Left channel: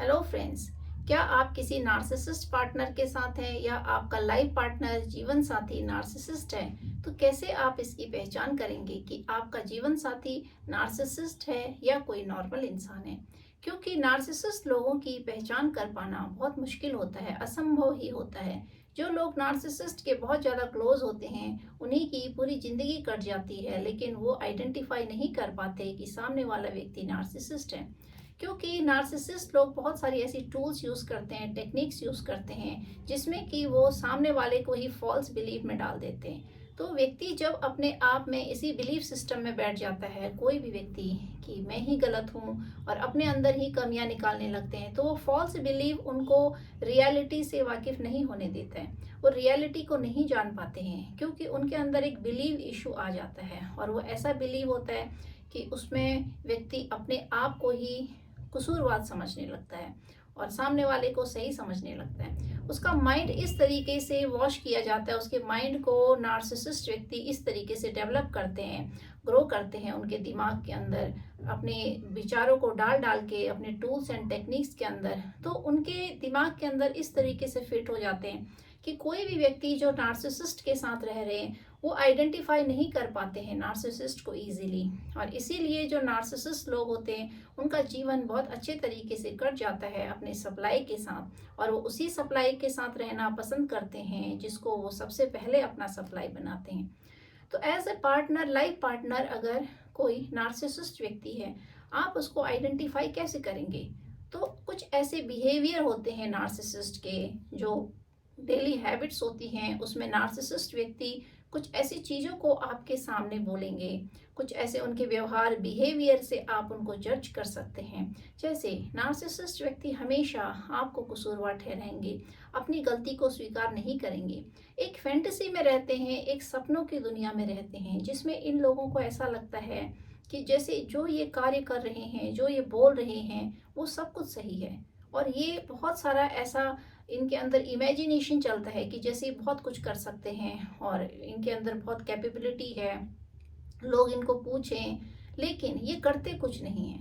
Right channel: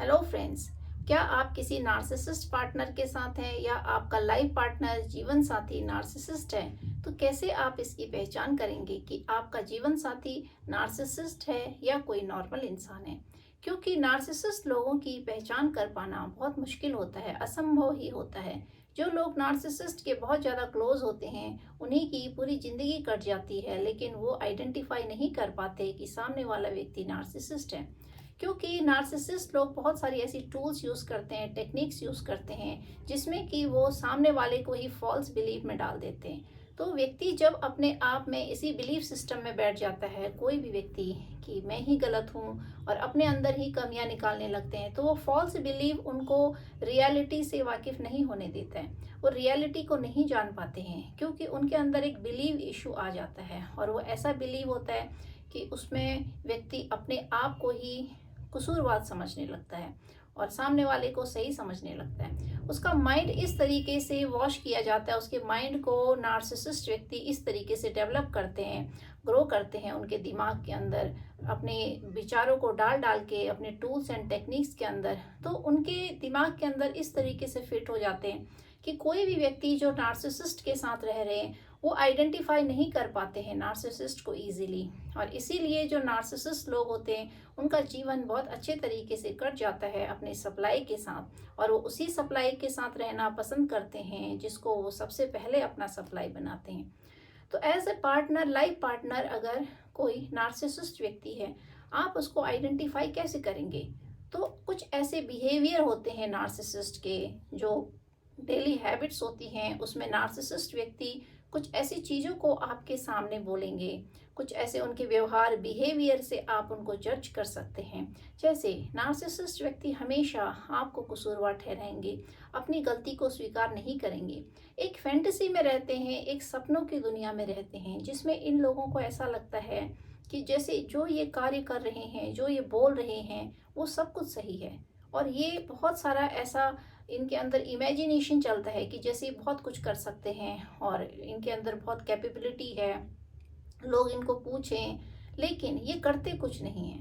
Hello friends. क्या आप किसी नार्सिसिस्ट पार्टनर के साथ हैं या आपका लाइफ पार्टनर जीवन साथी नार्सिसिस्ट है? तो कैसे आप इसकी पहचान करेंगे कि आपका जीवन साथी नार्सिसिस्ट है या कोई नॉर्मल इंसान है? क्योंकि नार्सिसिस्ट लोगों की पहचान कर पाना बहुत मुश्किल होता है, असंभव ही होता है। जो लोग नार्सिसिस्ट के बहुत ज़्यादा क्लोज होते हैं उन्हीं की पूरी ज़िंदगी कट जाती है, लेकिन वो आइडेंटिफाई नहीं कर पाते कि सामने वाला व्यक्ति नार्सिसिस्ट है। क्योंकि नार्सिसिस्ट लोग बहुत सारी ऐसी टूल्स यूज़ करते हैं, टेक्निक्स यूज़ करते हैं, जिसमें कि वो सामने वाले को ही फॉल्स बिलीव में डाल देते हैं। तो व्यक्ति जब अपने आप में इसी बिलीफ सिस्टम में बैठ जाता है, कोई भी व्यक्ति, कि मैं ही गलत हूँ और अपने अंदर ही कमियां निकालने लगते हैं, तो वो फॉल्स बिलीव उनको रियलिटी से वाकिफ नहीं होने देता है। वो रियलिटी को नहीं जान पाते हैं क्योंकि उनके अंदर एक बिलीव इशू आ जाता है, और वो ऐसा बिलीव होता है कि उसमें व्यक्ति अपने आप को ही कसूरवाद समझने लगता है और सामने वाले को सही समझने लगता है। उसका माइंड इस तरीके से वॉश किया जाता है, उसके माइंड को नार्सिसिस्ट व्यक्ति इस तरीके से डेवलप करते हैं, ग्रो करते हैं उनके दिमाग के अंदर, अपने विचारों को डाल डाल के अपने टूल्स एंड टेक्निक्स के अंदर। तो उनके दिमाग के अंदर इस तरीके से फिट हो जाते हैं कि कोई भी व्यक्ति जो नार्सिसिस्ट के साथ रह रहे हैं वो आइडेंटिफाई नहीं कर पाते हैं नार्सिसिस्ट को इजीली। और इसीलिए जो नार्सिसिस्ट लोग होते हैं उनका जीवन बहुत अच्छे तरीके से कट जाता है अपने सप्लाई के साथ, और वो उसी सप्लाई के साथ रहना पसंद करते हैं जिसको वो सबसे पहले अपना सप्लाई बनाते हैं। तो as a partner, life partner, अगर कोई नार्सिसिस्ट व्यक्ति है, आप उसको आइडेंटिफाई कैसे करेंगे? तो कुछ ऐसे बिहेवियर होते हैं नार्सिसिस्ट के, जो डेली हैबिट्स होती हैं, उसमें नार्सिसिस्ट व्यक्ति कुछ ऐसी चीज़ों को आपके सामने बोलेंगे, कुछ ऐसे उनके व्यवहार, बिहेवियर से आप उनको जज कर सकते हैं। जैसे नार्सिसिस्ट व्यक्ति हमेशा आपको कसूरवार ठहराएंगे, अपनी गलती को स्वीकार नहीं करेंगे, एक फैंटेसी में रहते हैं, एक सपनों की दुनिया में रहते हैं, जिसमें इन लोगों को ऐसा लगता है कि जैसे जो ये कार्य कर रहे हैं, जो ये बोल रहे हैं, वो सब कुछ सही है। और ये बहुत सारा ऐसा इनके अंदर इमेजिनेशन चलता है कि जैसे ये बहुत कुछ कर सकते हैं और इनके अंदर बहुत कैपेबिलिटी है, लोग इनको पूछें, लेकिन ये करते कुछ नहीं है।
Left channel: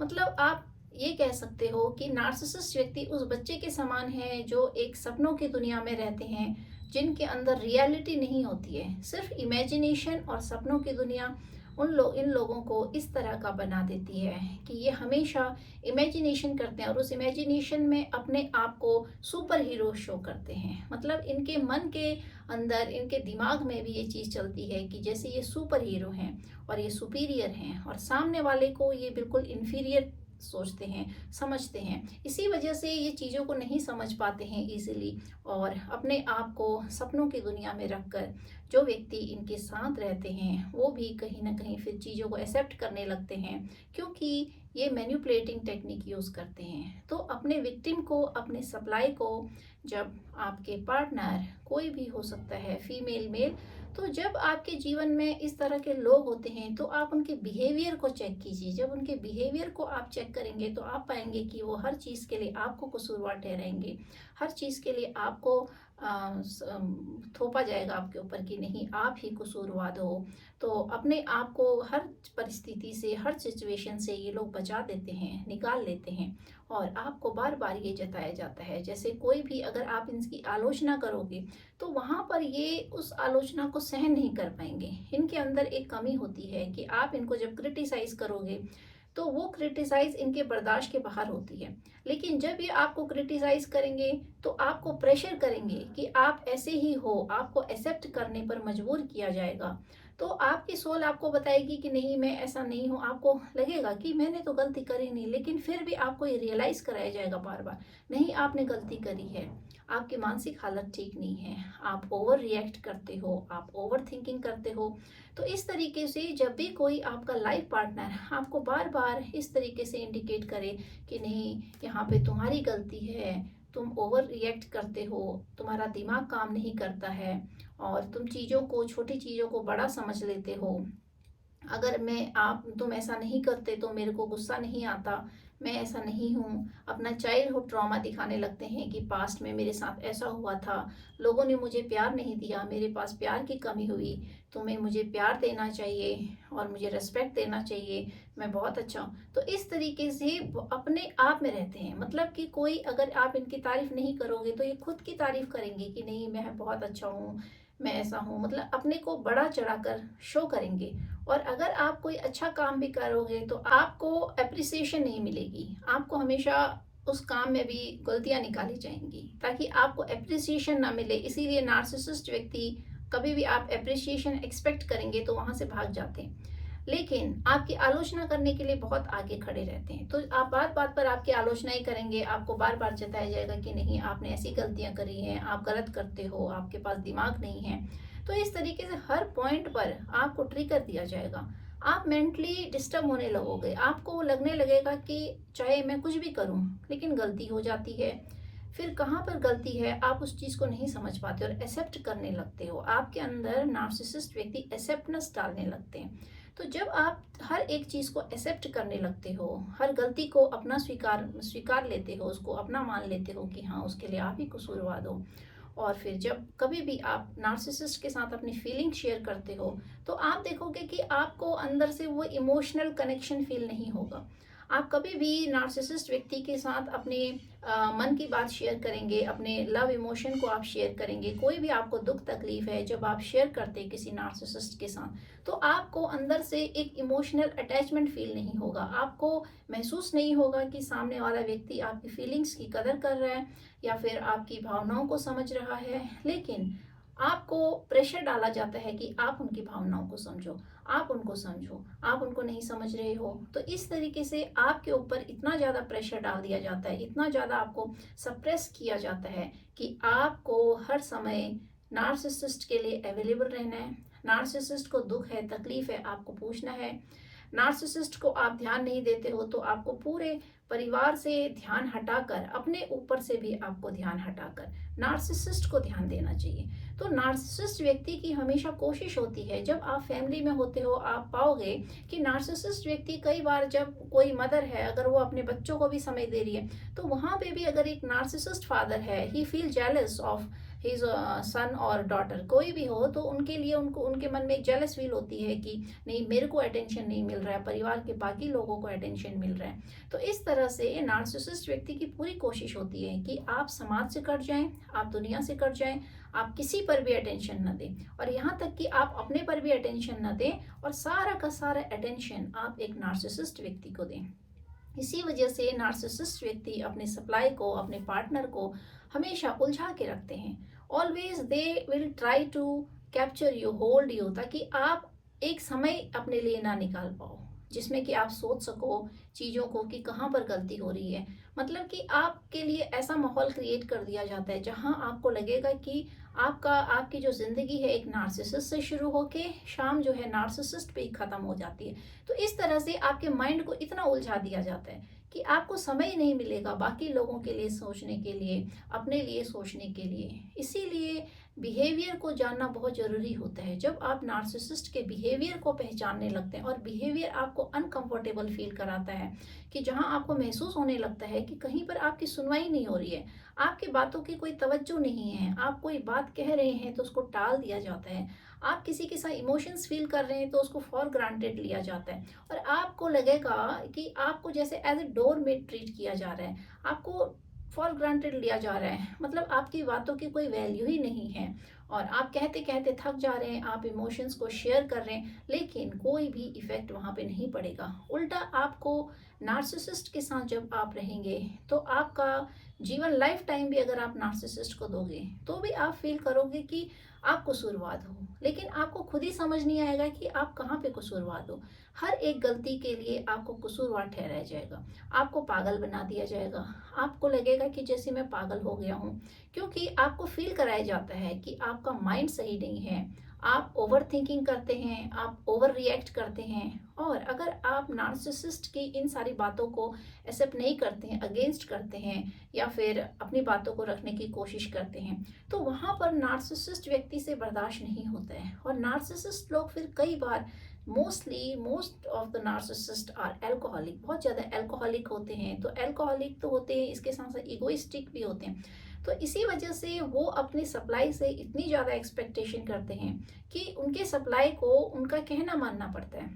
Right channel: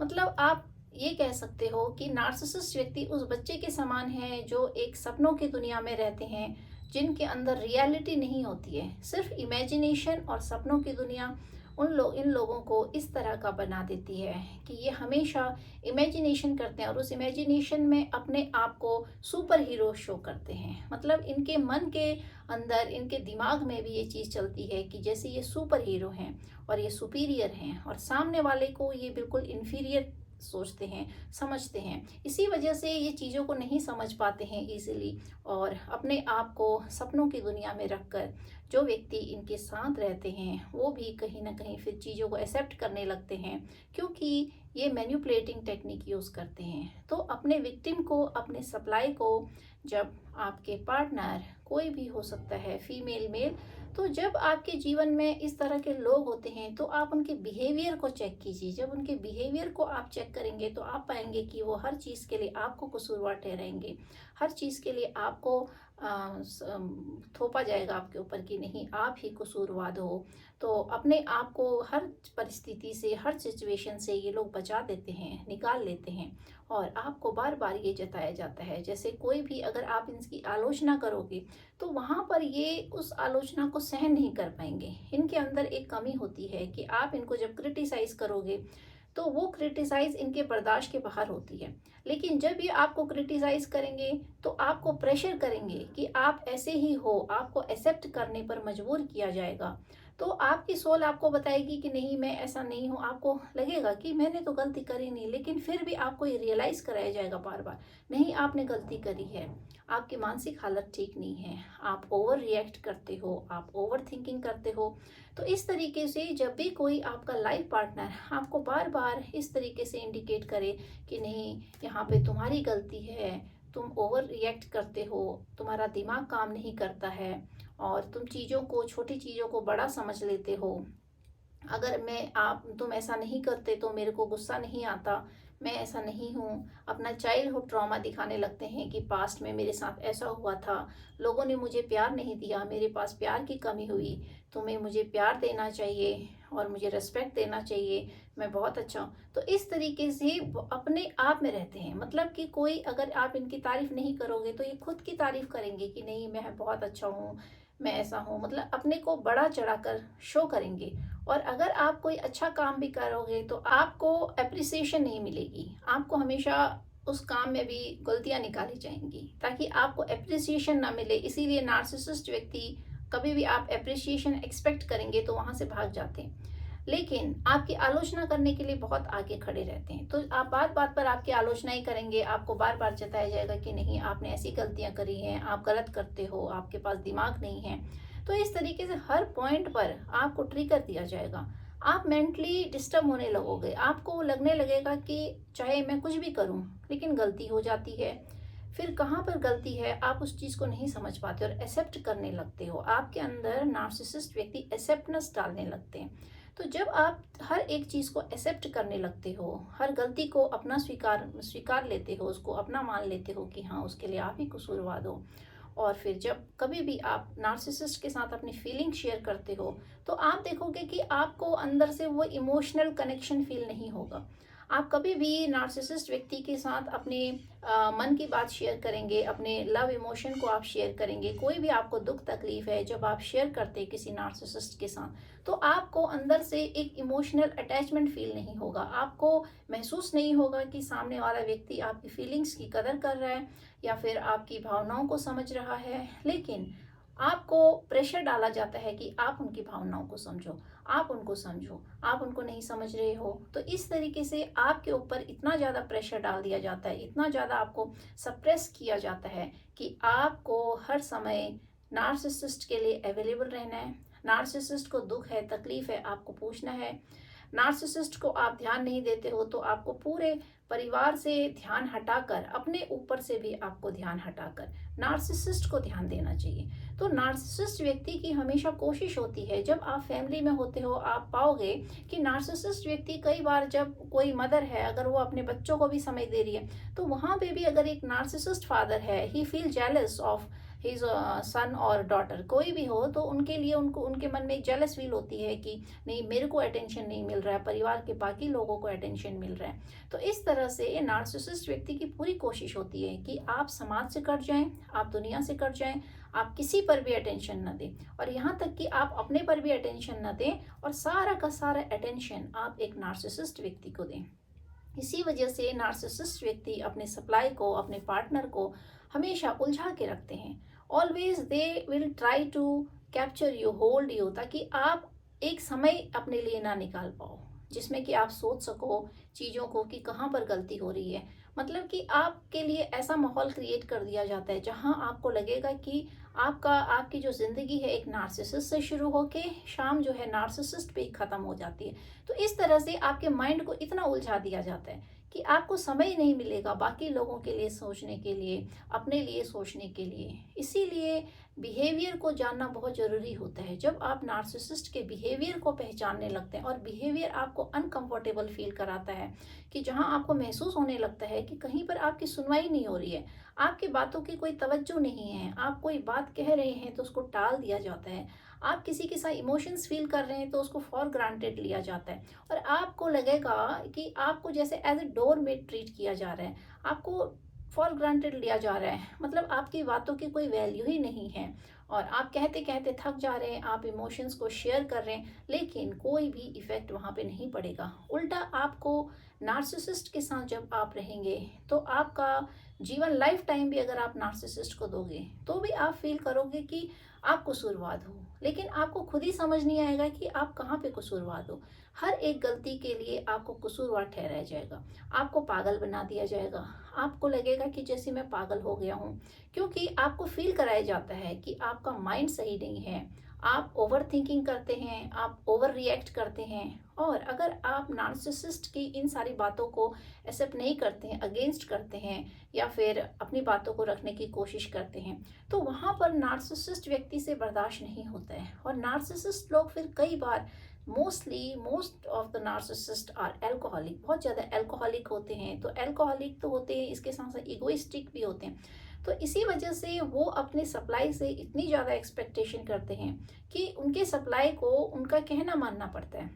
मतलब आप ये कह सकते हो कि नार्सिसिस्ट व्यक्ति उस बच्चे के समान है जो एक सपनों की दुनिया में रहते हैं, जिनके अंदर रियलिटी नहीं होती है, सिर्फ इमेजिनेशन और सपनों की दुनिया इन लोगों को इस तरह का बना देती है कि ये हमेशा इमेजिनेशन करते हैं और उस इमेजिनेशन में अपने आप को सुपर हीरो शो करते हैं। मतलब इनके मन के अंदर, इनके दिमाग में भी ये चीज़ चलती है कि जैसे ये सुपर हीरो हैं और ये सुपीरियर हैं, और सामने वाले को ये बिल्कुल इन्फीरियर सोचते हैं, समझते हैं। इसी वजह से ये चीज़ों को नहीं समझ पाते हैं इजीली, और अपने आप को सपनों की दुनिया में रखकर जो व्यक्ति इनके साथ रहते हैं वो भी कहीं ना कहीं फिर चीज़ों को एक्सेप्ट करने लगते हैं, क्योंकि ये मैन्युपुलेटिंग टेक्निक यूज़ करते हैं। तो अपने विक्टिम को, अपने सप्लाई को, जब आपके पार्टनर, कोई भी हो सकता है, फीमेल मेल, तो जब आपके जीवन में इस तरह के लोग होते हैं तो आप उनके बिहेवियर को चेक कीजिए। जब उनके बिहेवियर को आप चेक करेंगे तो आप पाएंगे कि वो हर चीज़ के लिए आपको कसूरवार ठहराएंगे, हर चीज़ के लिए आपको थोपा जाएगा आपके ऊपर कि नहीं, आप ही कसूरवार हो। तो अपने आप को हर परिस्थिति से, हर सिचुएशन से ये लोग बचा देते हैं, निकाल लेते हैं, और आपको बार बार ये जताया जाता है जैसे कोई भी अगर आप इनकी आलोचना करोगे तो वहाँ पर ये उस आलोचना को सहन नहीं कर पाएंगे। इनके अंदर एक कमी होती है कि आप इनको जब क्रिटिसाइज करोगे तो वो क्रिटिसाइज इनके बर्दाश्त के बाहर होती है। लेकिन जब ये आपको क्रिटिसाइज करेंगे तो आपको प्रेशर करेंगे कि आप ऐसे ही हो, आपको एक्सेप्ट करने पर मजबूर किया जाएगा। तो आपकी सोल आपको बताएगी कि नहीं, मैं ऐसा नहीं हूँ। आपको लगेगा कि मैंने तो गलती करी नहीं, लेकिन फिर भी आपको ये रियलाइज कराया जाएगा बार बार, नहीं आपने गलती करी है, आपकी मानसिक हालत ठीक नहीं है, आप ओवर रिएक्ट करते हो, आप ओवर थिंकिंग करते हो। तो इस तरीके से जब भी कोई आपका लाइफ पार्टनर आपको बार बार इस तरीके से इंडिकेट करे कि नहीं, यहाँ पे तुम्हारी गलती है, तुम ओवर रिएक्ट करते हो, तुम्हारा दिमाग काम नहीं करता है, और तुम चीज़ों को, छोटी चीज़ों को बड़ा समझ लेते हो, अगर तुम ऐसा नहीं करते तो मेरे को गुस्सा नहीं आता, मैं ऐसा नहीं हूँ। अपना चाइल्डहुड ट्रॉमा दिखाने लगते हैं कि पास्ट में मेरे साथ ऐसा हुआ था, लोगों ने मुझे प्यार नहीं दिया, मेरे पास प्यार की कमी हुई, तुम्हें मुझे प्यार देना चाहिए और मुझे रिस्पेक्ट देना चाहिए, मैं बहुत अच्छा हूँ। तो इस तरीके से वो अपने आप में रहते हैं, मतलब कि कोई अगर आप इनकी तारीफ नहीं करोगे तो ये खुद की तारीफ करेंगे कि नहीं मैं बहुत अच्छा हूँ, मैं ऐसा हूँ, मतलब अपने को बड़ा चढ़ाकर शो करेंगे। और अगर आप कोई अच्छा काम भी करोगे तो आपको अप्रिसिएशन नहीं मिलेगी, आपको हमेशा उस काम में भी गलतियां निकाली जाएंगी ताकि आपको अप्रिसिएशन ना मिले। इसीलिए नार्सिसिस्ट व्यक्ति, कभी भी आप अप्रिसिएशन एक्सपेक्ट करेंगे तो वहां से भाग जाते हैं, लेकिन आपकी आलोचना करने के लिए बहुत आगे खड़े रहते हैं। तो आप बात बात पर आपकी आलोचना ही करेंगे, आपको बार बार जताया जाएगा कि नहीं आपने ऐसी गलतियां करी हैं, आप गलत करते हो, आपके पास दिमाग नहीं है। तो इस तरीके से हर पॉइंट पर आपको ट्रिगर दिया जाएगा, आप मेंटली डिस्टर्ब होने लगोगे, आपको लगने लगेगा कि चाहे मैं कुछ भी करूं लेकिन गलती हो जाती है। फिर कहाँ पर गलती है आप उस चीज़ को नहीं समझ पाते और एक्सेप्ट करने लगते हो, आपके अंदर नार्सिसिस्ट व्यक्ति एक्सेप्टेंस डालने लगते हैं। तो जब आप हर एक चीज़ को एक्सेप्ट करने लगते हो, हर गलती को अपना स्वीकार स्वीकार लेते हो, उसको अपना मान लेते हो कि हाँ उसके लिए आप ही कसूरवार हो, और फिर जब कभी भी आप नार्सिसिस्ट के साथ अपनी फीलिंग शेयर करते हो तो आप देखोगे कि आपको अंदर से वो इमोशनल कनेक्शन फील नहीं होगा। आप कभी भी नार्सिसिस्ट व्यक्ति के साथ अपने मन की बात शेयर करेंगे, अपने लव इमोशन को आप शेयर करेंगे, कोई भी आपको दुख तकलीफ है जब आप शेयर करते हैं किसी नार्सिसिस्ट के साथ, तो आपको अंदर से एक इमोशनल अटैचमेंट फील नहीं होगा, आपको महसूस नहीं होगा कि सामने वाला व्यक्ति आपकी फीलिंग्स की कदर कर रहा है या फिर आपकी भावनाओं को समझ रहा है। लेकिन आपको प्रेशर डाला जाता है कि आप उनकी भावनाओं को समझो, आप उनको समझो, आप उनको नहीं समझ रहे हो। तो इस तरीके से आपके ऊपर इतना ज़्यादा प्रेशर डाल दिया जाता है, इतना ज़्यादा आपको सप्रेस किया जाता है कि आपको हर समय नार्सिसिस्ट के लिए अवेलेबल रहना है। नार्सिसिस्ट को दुख है, तकलीफ है, आपको पूछना है। नार्सिसिस्ट को आप ध्यान नहीं देते हो तो आपको पूरे परिवार से ध्यान हटाकर, अपने ऊपर से भी आपको ध्यान हटाकर नार्सिसिस्ट को ध्यान देना चाहिए। तो नार्सिसिस्ट व्यक्ति की हमेशा कोशिश होती है, जब आप फैमिली में होते हो आप पाओगे कि नार्सिसिस्ट व्यक्ति कई बार, जब कोई मदर है अगर वो अपने बच्चों को भी समय दे रही है तो वहां पे भी अगर एक नार्सिसिस्ट फादर है, he feel jealous of his son और डॉटर, कोई भी हो तो उनके लिए उनको उनके मन में एक जेलस फील होती है कि नहीं मेरे को अटेंशन नहीं मिल रहा है, परिवार के बाकी लोगों को अटेंशन मिल रहा है। तो इस तरह से नार्सिसिस्ट व्यक्ति की पूरी कोशिश होती है कि आप समाज से कट जाएं, आप दुनिया से कट जाएं, आप किसी पर भी अटेंशन न दें, और यहाँ तक कि आप अपने पर भी अटेंशन न दें और सारा का सारा अटेंशन आप एक नार्सिसिस्ट व्यक्ति को दें। इसी वजह से नार्सिसिस्ट व्यक्ति अपने सप्लाई को, अपने पार्टनर को हमेशा उलझा के रखते हैं। Always they will try to capture you, hold you, ताकि आप एक समय अपने लिए ना निकाल पाओ जिसमें कि आप सोच सको चीज़ों को कि कहाँ पर गलती हो रही है। मतलब कि आपके लिए ऐसा माहौल क्रिएट कर दिया जाता है जहाँ आपको लगेगा कि आपकी जो ज़िंदगी है एक नार्सिसिस्ट से शुरू होके शाम जो है नार्सिसिस्ट पे ही ख़त्म हो जाती है। तो इस तरह से आपके माइंड को इतना उलझा दिया जाता है कि आपको समय ही नहीं मिलेगा बाकी लोगों के लिए सोचने के लिए, अपने लिए सोचने के लिए। इसीलिए बिहेवियर को जानना बहुत ज़रूरी होता है। जब आप नार्सिसिस्ट के बिहेवियर को पहचानने लगते हैं और बिहेवियर आपको अनकंफर्टेबल फील कराता है, कि जहां आपको महसूस होने लगता है कि कहीं पर आपकी सुनवाई नहीं हो रही है, आपकी बातों की कोई तवज्जो नहीं है, आप कोई बात कह रहे हैं तो उसको टाल दिया जाता है, आप किसी के साथ इमोशंस फील कर रहे हैं तो उसको फॉर ग्रांटेड लिया जाता है, और आपको लगेगा कि आपको जैसे as a doormat treat किया जा रहा है, आपको फॉर ग्रांटेड लिया जा रहा है, मतलब आपकी बातों की कोई वैल्यू ही नहीं है, और आप कहते कहते थक जा रहे हैं, आप इमोशंस को शेयर कर रहे हैं लेकिन कोई भी इफेक्ट वहाँ पे नहीं पड़ेगा। उल्टा आपको नार्सिसिस्ट के साथ जब आप रहेंगे तो आपका जीवन लाइफ टाइम भी अगर आप नार्सिसिस्ट को दोगे तो भी आप फील करोगे कि आप कसूरवार हो, लेकिन आपको खुद ही समझ नहीं आएगा कि आप कहाँ पे कसूरवार हो। हर एक गलती के लिए आपको कसूरवार ठहराया जाएगा, आपको पागल बना दिया जाएगा, आपको लगेगा कि जैसे मैं पागल हो गया हूँ, क्योंकि आपको फील कराया जाता है कि आपका माइंड सही नहीं है, आप ओवर थिंकिंग करते हैं, आप ओवर रिएक्ट करते हैं। और अगर आप नार्सिसिस्ट की इन सारी बातों को एक्सेप्ट नहीं करते हैं, अगेंस्ट करते हैं, या फिर अपनी बातों को रखने की कोशिश करते हैं, तो वहाँ पर नार्सिसिस्ट व्यक्ति से बर्दाश्त नहीं होता है। और नार्सिसिस्ट लोग फिर कई बार, most of the narcissist are alcoholic, बहुत ज़्यादा एल्कोहलिक होते हैं। तो एल्कोहलिक तो होते हैं, इसके साथ साथ इगोइस्टिक भी होते हैं। तो इसी वजह से वो अपनी सप्लाई से इतनी ज़्यादा एक्सपेक्टेशन करते हैं कि उनके सप्लाई को उनका कहना मानना पड़ता है।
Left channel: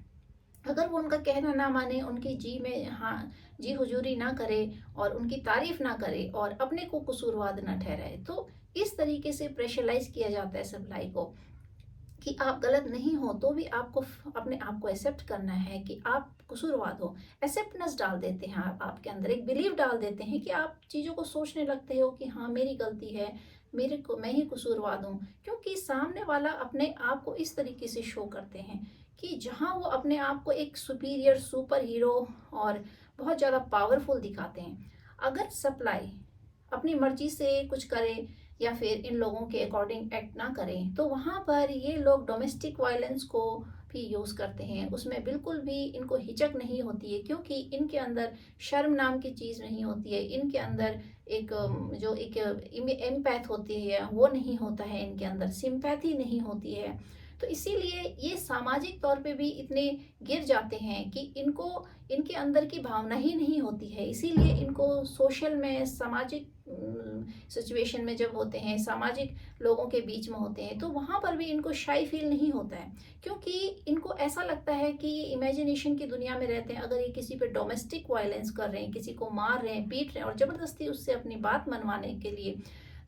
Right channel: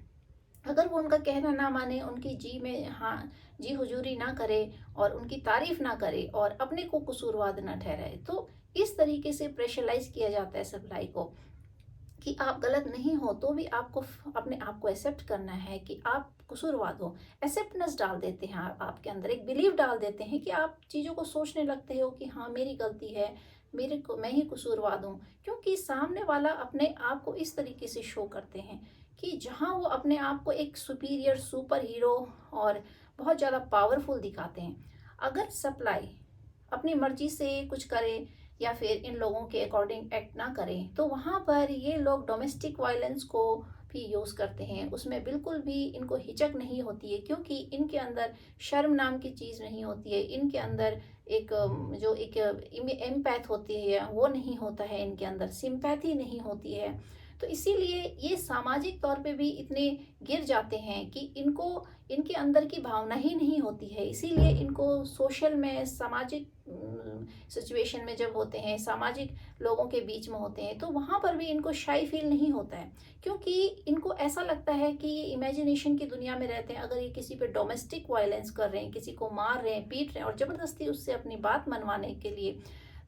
अगर वो उनका कहना ना माने, उनकी जी में हाँ जी हुजूरी ना करे और उनकी तारीफ ना करे और अपने को कसूरवाद ना ठहराए, तो इस तरीके से प्रेशराइज किया जाता है सप्लाई को कि आप गलत नहीं हो तो भी आपको अपने आप को एक्सेप्ट करना है कि आप कसूरवाद हो। एक्सेप्टेंस डाल देते हैं, आप आपके अंदर एक बिलीव डाल देते हैं कि आप चीज़ों को सोचने लगते हो कि हाँ मेरी गलती है, मेरे को मैं ही कसूरवाद हूँ। क्योंकि सामने वाला अपने आप को इस तरीके से शो करते हैं कि जहाँ वो अपने आप को एक सुपीरियर सुपर हीरो और बहुत ज़्यादा पावरफुल दिखाते हैं, अगर सप्लाई अपनी मर्जी से कुछ करे या फिर इन लोगों के अकॉर्डिंग एक्ट ना करें, तो वहाँ पर ये लोग डोमेस्टिक वायलेंस को भी यूज़ करते हैं। उसमें बिल्कुल भी इनको हिचक नहीं होती है, क्योंकि इनके अंदर शर्म नाम की चीज़ नहीं होती है। इनके अंदर एक जो एक एम्पैथ होती है वो नहीं होता है, इनके अंदर सिंपैथी नहीं होती है। तो इसीलिए ये सामाजिक तौर पे भी इतने गिर जाते हैं कि इनको इनके अंदर की भावना ही नहीं होती है। इसीलिए इनको सोशल में सामाजिक सिचुएशन में जब होते हैं, सामाजिक लोगों के बीच में होते हैं, तो वहाँ पर भी इनको शाई फील नहीं होता है, क्योंकि इनको ऐसा लगता है कि ये इमेजिनेशन की दुनिया में रहते हैं। अगर ये किसी पे डोमेस्टिक वायलेंस कर रहे हैं, किसी को मार रहे हैं, पीट रहे हैं और ज़बरदस्ती उससे अपनी बात मनवाने के लिए,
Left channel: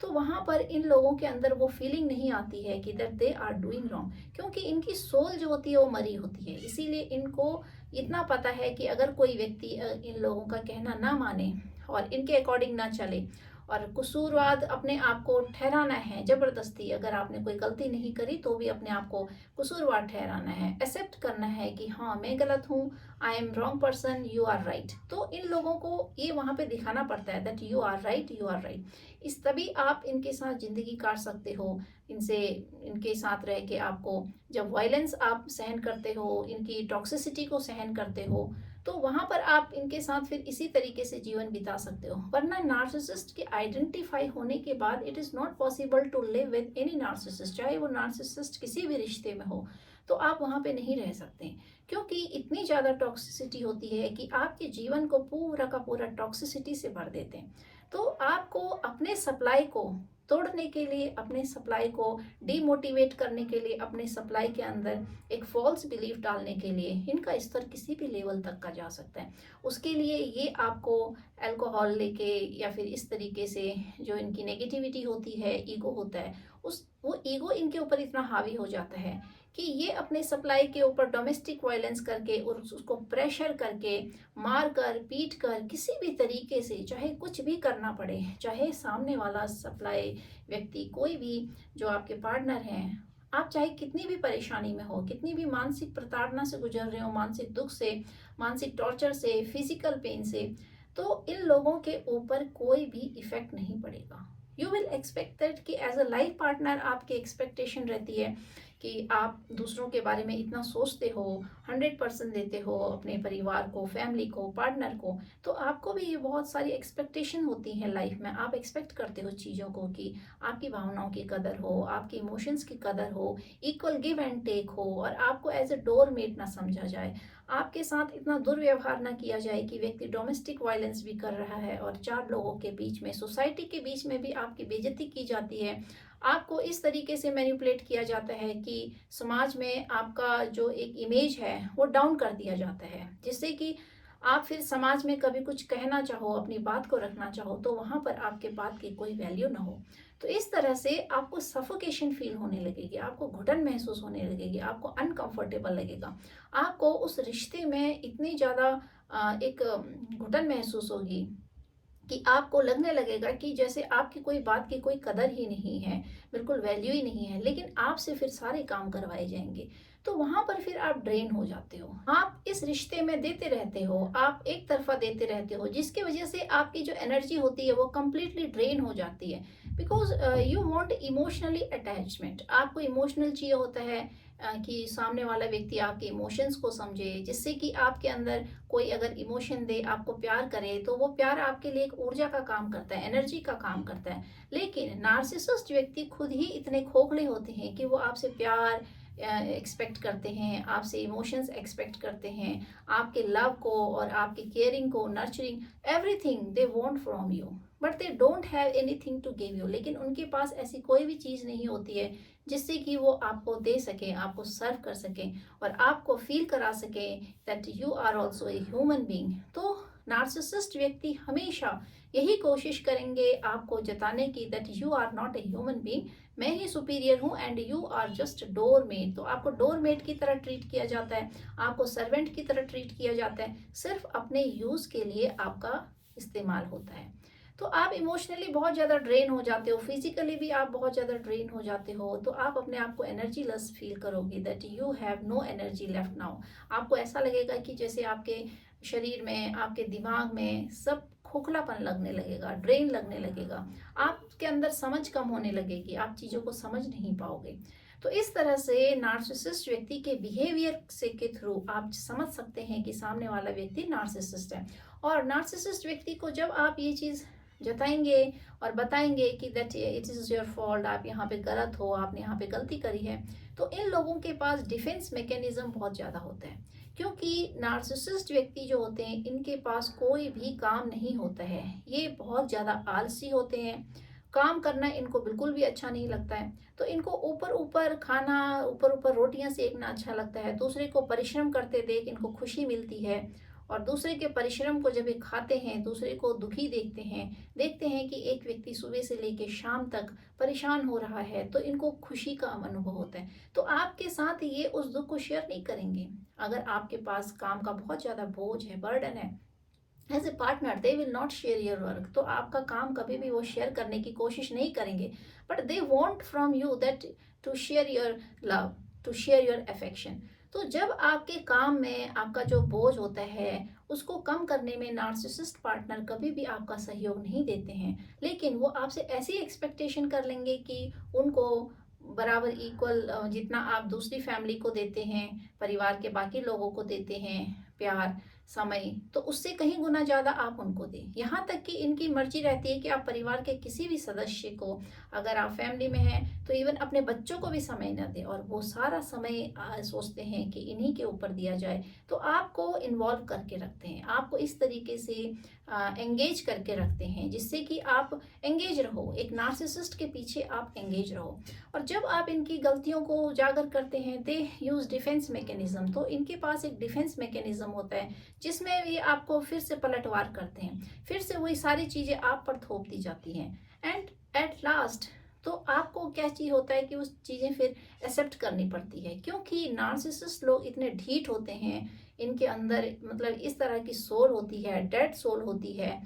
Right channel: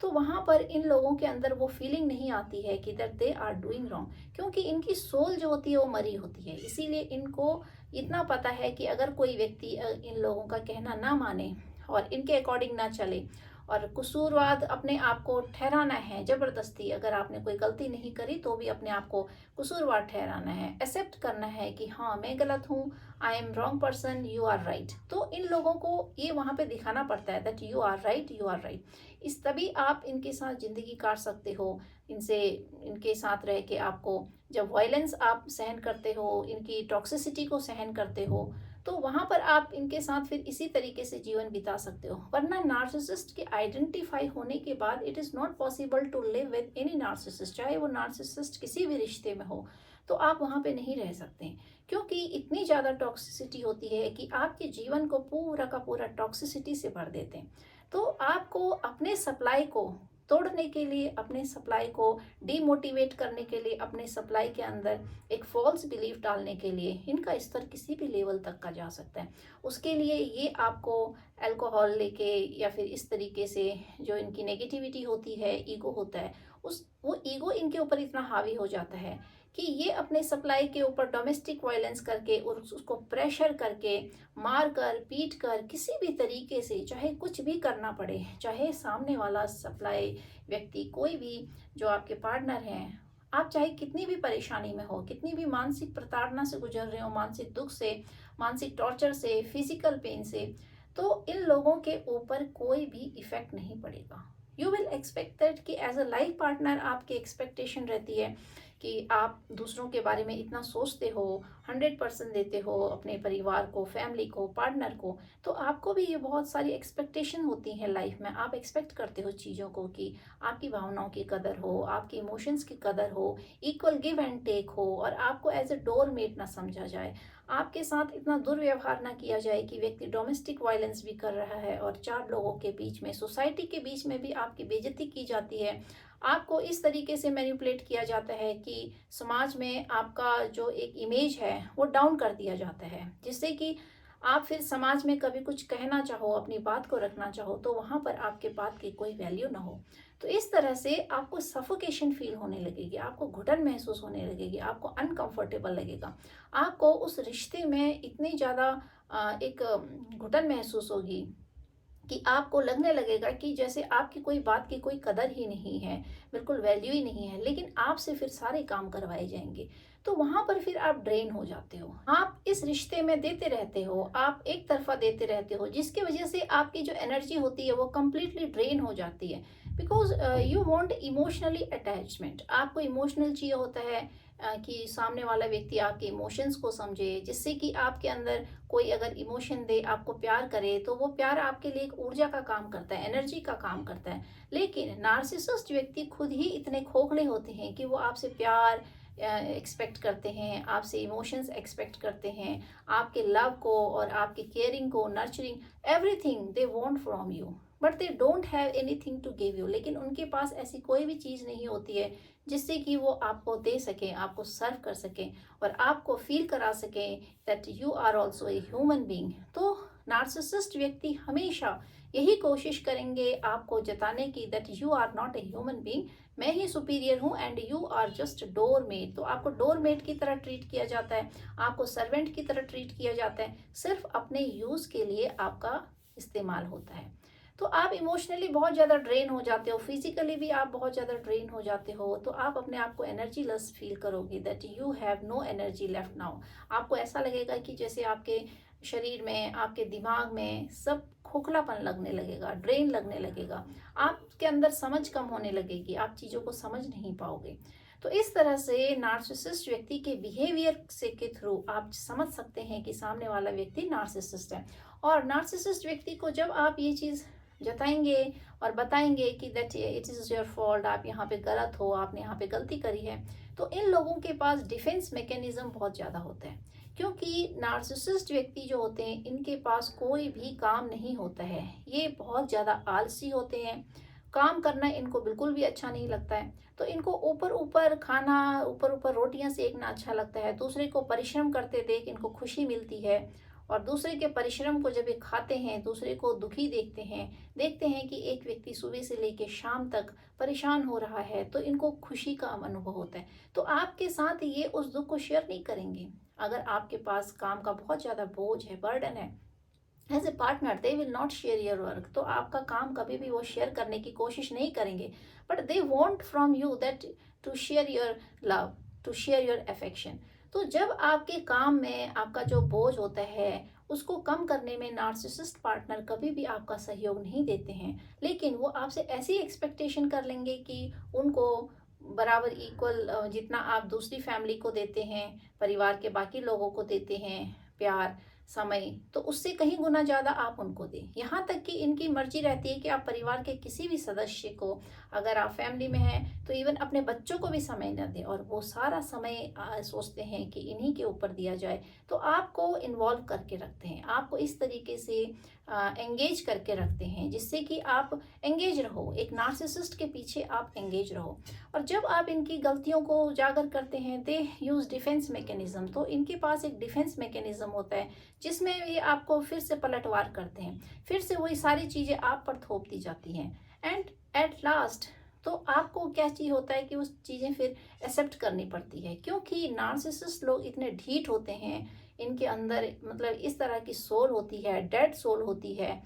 तो वहाँ पर इन लोगों के अंदर वो फीलिंग नहीं आती है कि that they are doing wrong, क्योंकि इनकी सोल जो होती है वो मरी होती है। इसीलिए इनको इतना पता है कि अगर कोई व्यक्ति इन लोगों का कहना ना माने और इनके अकॉर्डिंग ना चले और कसूरवाद अपने आप को ठहराना है जबरदस्ती, अगर आपने कोई गलती नहीं करी तो भी अपने आप को कसूरवार ठहराना है, एक्सेप्ट करना है कि हाँ मैं गलत हूँ, I am wrong person, you are right, तो इन लोगों को ये वहाँ पे दिखाना पड़ता है that you are right, you are right. इस तभी आप इनके साथ ज़िंदगी काट सकते हो। इनसे इनके साथ रह के आपको जब वायलेंस आप सहन करते हो, इनकी टॉक्सिसिटी को सहन करते हो, तो वहाँ पर आप इनके साथ फिर इसी तरीके से जीवन बिता सकते हो। वरना नार्सिसिस्ट के आइडेंटिफाई होने के बाद it is not possible to live with any narcissist, चाहे वो नार्सिसिस्ट किसी भी रिश्ते में हो, तो आप वहाँ पे नहीं रह सकते, क्योंकि इतनी ज़्यादा टॉक्सिसिटी होती है कि आपके जीवन को पूरा का पूरा टॉक्सिसिटी से भर देते हैं। तो आपको अपने सप्लाई को तोड़ने के लिए, अपने सप्लाई को डीमोटिवेट करने के लिए, अपने सप्लाई के अंदर एक फॉल्स बिलीफ डालने के लिए इनका स्तर किसी भी लेवल तक का जा सकता है। उसके लिए ये आपको अल्कोहल लेके या फिर इस तरीके से जो इनकी नेगेटिविटी होती है, ईगो होता है, उस वो ईगो इनके ऊपर इतना हावी हो जाता है कि ये अपने सप्लाई के ऊपर डोमेस्टिक वायलेंस करके और उसको प्रेशर करके, मार कर, पीट कर, किसी भी तरीके से चाहे कुछ भी करना पड़े, चाहे सामने वाला सप्लाई व्यक्ति कोई भी जो आपके पार्टनर हैं, आप चाहे कितनी भी परेशानी में हो, कितनी भी मानसिक प्रताड़ना से गुजर रहे हो, मानसिक दुख से, मानसिक टॉर्चर से, फिजिकल पेन से, तो इन लोगों के ऊपर कोई भी इफेक्ट नहीं पड़ेगा। यू विल एक्सपेक्ट दैट कि एज अ लाइफ पार्टनर आपकी एक्सपेक्टेशन रहती है कि आप दूसरों के बारे में इतना सोचते हो, 100% देते हो अपने परिवार को, फैमिली को, पार्टनर को, तो आपको भी ये बहुत सारी एक्सपेक्टेशन होती हैं लाइफ में। आप एक्सपेक्ट करते हो चीज़ों को कि आपकी भावनाओं की कदर हो, आपके इमोशंस की कदर हो, इक्वल गिव एंड टेक हो, और आपको एज ए डोरमेट ना समझा जाए, आपके साथ इतना दुर्व्यवहार ना किया जाए कि व्यक्ति डोमेस्टिक वायलेंस भी कर रहा है और चार लोगों के बीच में, सोसाइटी के बीच में भी आपकी बेइज्जती की जाती है। आपको इस तरीके से मैनिपुलेट किया जाता है कि समाज में आपका जो एक इमेज है वो डाउन कर दिया जाता है, जिससे कि आप फिर समाज में कभी कुछ कहना चाहो, अपनी बात को रखना चाहो, तो वहाँ पर आपके बात की कोई वैल्यू ना हो। तो इस तरह से आपको सफोकेशन फील होने लगेगी, आपको घुटन महसूस होने लगेगी, आपको अनकंफर्टेबल लगेगा, आपको उस रिश्ते में इतनी ज़्यादा एक घुटन महसूस होगी कि आपको लगने लगेगा कि जैसे आपकी कोई बात की कोई कदर ही नहीं है, बिल्कुल वैल्यू ही नहीं है, लेकिन आपसे फिर सारे काम करवाए जाएंगे। तो वहां पर फिर आप ड्रेन हो जाते हो, आप इस रिश्ते में देते रहते हो, आप एक तरफा देते रहते हो, जिसकी वजह से आपकी जो एनर्जी होती है वो कंप्लीटली ड्रेन हो जाती है। Because you want emotionally attachment, आपको इमोशनल चाहिए होता है कि सामने वाला व्यक्ति आपके इमोशंस को समझे, जिससे कि आपके अंदर कोई अगर इमोशन दे, आपको प्यार करे, तो वो प्यार आपके लिए एक ऊर्जा का काम करता है, एनर्जी का काम करता है। लेकिन नार्सिसिस्ट व्यक्ति खुद ही इतने खोखले होते हैं कि वो आपसे प्यार, एक्सपेक्ट करते हैं, आपसे इमोशंस एक्सपेक्ट करते हैं, आपके लव को और आपके केयरिंग को, nurturing, everything they want from you, but they don't have anything to give you. लेकिन उनके पास ऐसी कोई भी चीज़ नहीं होती है जिससे कि वो आपको दे सकें, आपको सर्व कर सकें और आपको फील करा सकें that you are also a human being. तो नार्सिसिस्ट व्यक्ति हमेशा यही कोशिश करेंगे आपको जताने की that you are not a human being, मैं ही सुपीरियर हूँ and you are just doormat. तो आपको डोरमेट की तरह ट्रीट किया जाता है, आपको सर्वेंट की तरह ट्रीट किया जाता है, सिर्फ अपने यूज़ के लिए आपका इस्तेमाल होता है। तो आप इमोशनली बहुत ज़्यादा ड्रेन हो जाते हो, फिजिकली भी आप बहुत ज़्यादा ड्रेन हो जाते हो, तो आप अपने आप को एनर्जी लेस फील करोगे that you have no energy left now. आपको ऐसा लगेगा कि जैसे आपके शरीर में, आपके दिमाग में सब खोखलापन लगने लगेगा, ड्रेन लगने लगेगा, आपके अंदर समझ कम होने लगेगी, आप चीज़ों को समझ नहीं पाओगे। तो इस तरह से नार्सिसिस्ट व्यक्ति के बिहेवियर से के थ्रू आप समझ सकते हैं कि सामने वाला व्यक्ति नार्सिसिस्ट है। और नार्सिसिस्ट व्यक्ति को जब आप ये चीज़ जताएंगे और बताएंगे कि that it is your fault, आप यहाँ पे गलत हो, आपने यहाँ पे गलती करी है, तो इन लोगों के पास डिफेंस मैकेनिज्म बहुत ज़्यादा होता है। क्योंकि नार्सिसिस्ट व्यक्ति जो होते हैं इनके पास कोई भी काम नहीं होता है, ये बहुत ज़्यादा आलसी होते हैं, काम करना इनको बिल्कुल भी अच्छा नहीं लगता है। तो इनको ऊपर ऊपर खाना, ऊपर ऊपर रोटियां सेकना अच्छा लगता है, दूसरे को परिश्रम करते देख इनको खुशी मिलती है, और दूसरे के परिश्रम को जब ये खाते हैं, दूसरे को दुखी देखते हैं कि एक व्यक्ति सुबह से लेकर शाम तक परेशान हो रहा है, तो इनको खुशी का अनुभव होता है। तो आपके साथ ये उस दुख को शेयर नहीं करेंगे। अगर आपके पास काम का बहुत ज़्यादा बोझ है, बर्डन है, as a partner they will not share your work, तो आपका काम कभी भी वो शेयर करने की कोशिश नहीं करेंगे, but they want from you that to share your love, to share your affection. तो जब आपके काम में आपका जो बोझ होता है उसको कम करने में नार्सिसिस्ट पार्टनर कभी भी आपका सहयोग नहीं देते हैं, लेकिन वो आपसे ऐसी एक्सपेक्टेशन कर लेंगे कि उनको बराबर इक्वल जितना आप दूसरी फैमिली को देते हैं, परिवार के बाकी लोगों को देते हैं प्यार, समय, तो उससे कहीं गुना ज़्यादा आप उनको दें। यहाँ तक कि इनकी मर्जी रहती है कि आप परिवार के किसी भी सदस्य को, अगर आप फैमिली में हैं तो इवन अपने बच्चों को भी समय न दें, और वो सारा समय सोचते हैं कि इन्हीं के ऊपर दिया जाए। तो आपको इन्वॉल्व करके रखते हैं, आपको इस तरीके से एंगेज करके रखते हैं जिससे कि आप एंगेज रहो, एक नार्सिसिस्ट के पीछे आप एंगेज रहो। और जब आप इनकी गलतियों को उजागर करते हैं, दे यूज डिफेंस मैकेनिज्म, तो इनके पास एक डिफेंस मैकेनिज्म होता है जिसमें ये आपको फिर से पलटवार करते हैं, फिर से वही सारी चीज़ें आप पर थोप दी जाती हैं, एंड एट लास्ट तो आपको क्या चीज़ होता है कि उस चीज़ें फिर एक्सेप्ट करनी पड़ती है। क्योंकि नार्सिसिस्ट लोग इतने ढीठ होते हैं, इनके अंदर मतलब इस तरह की सोल होती है, डेड सोल होती है,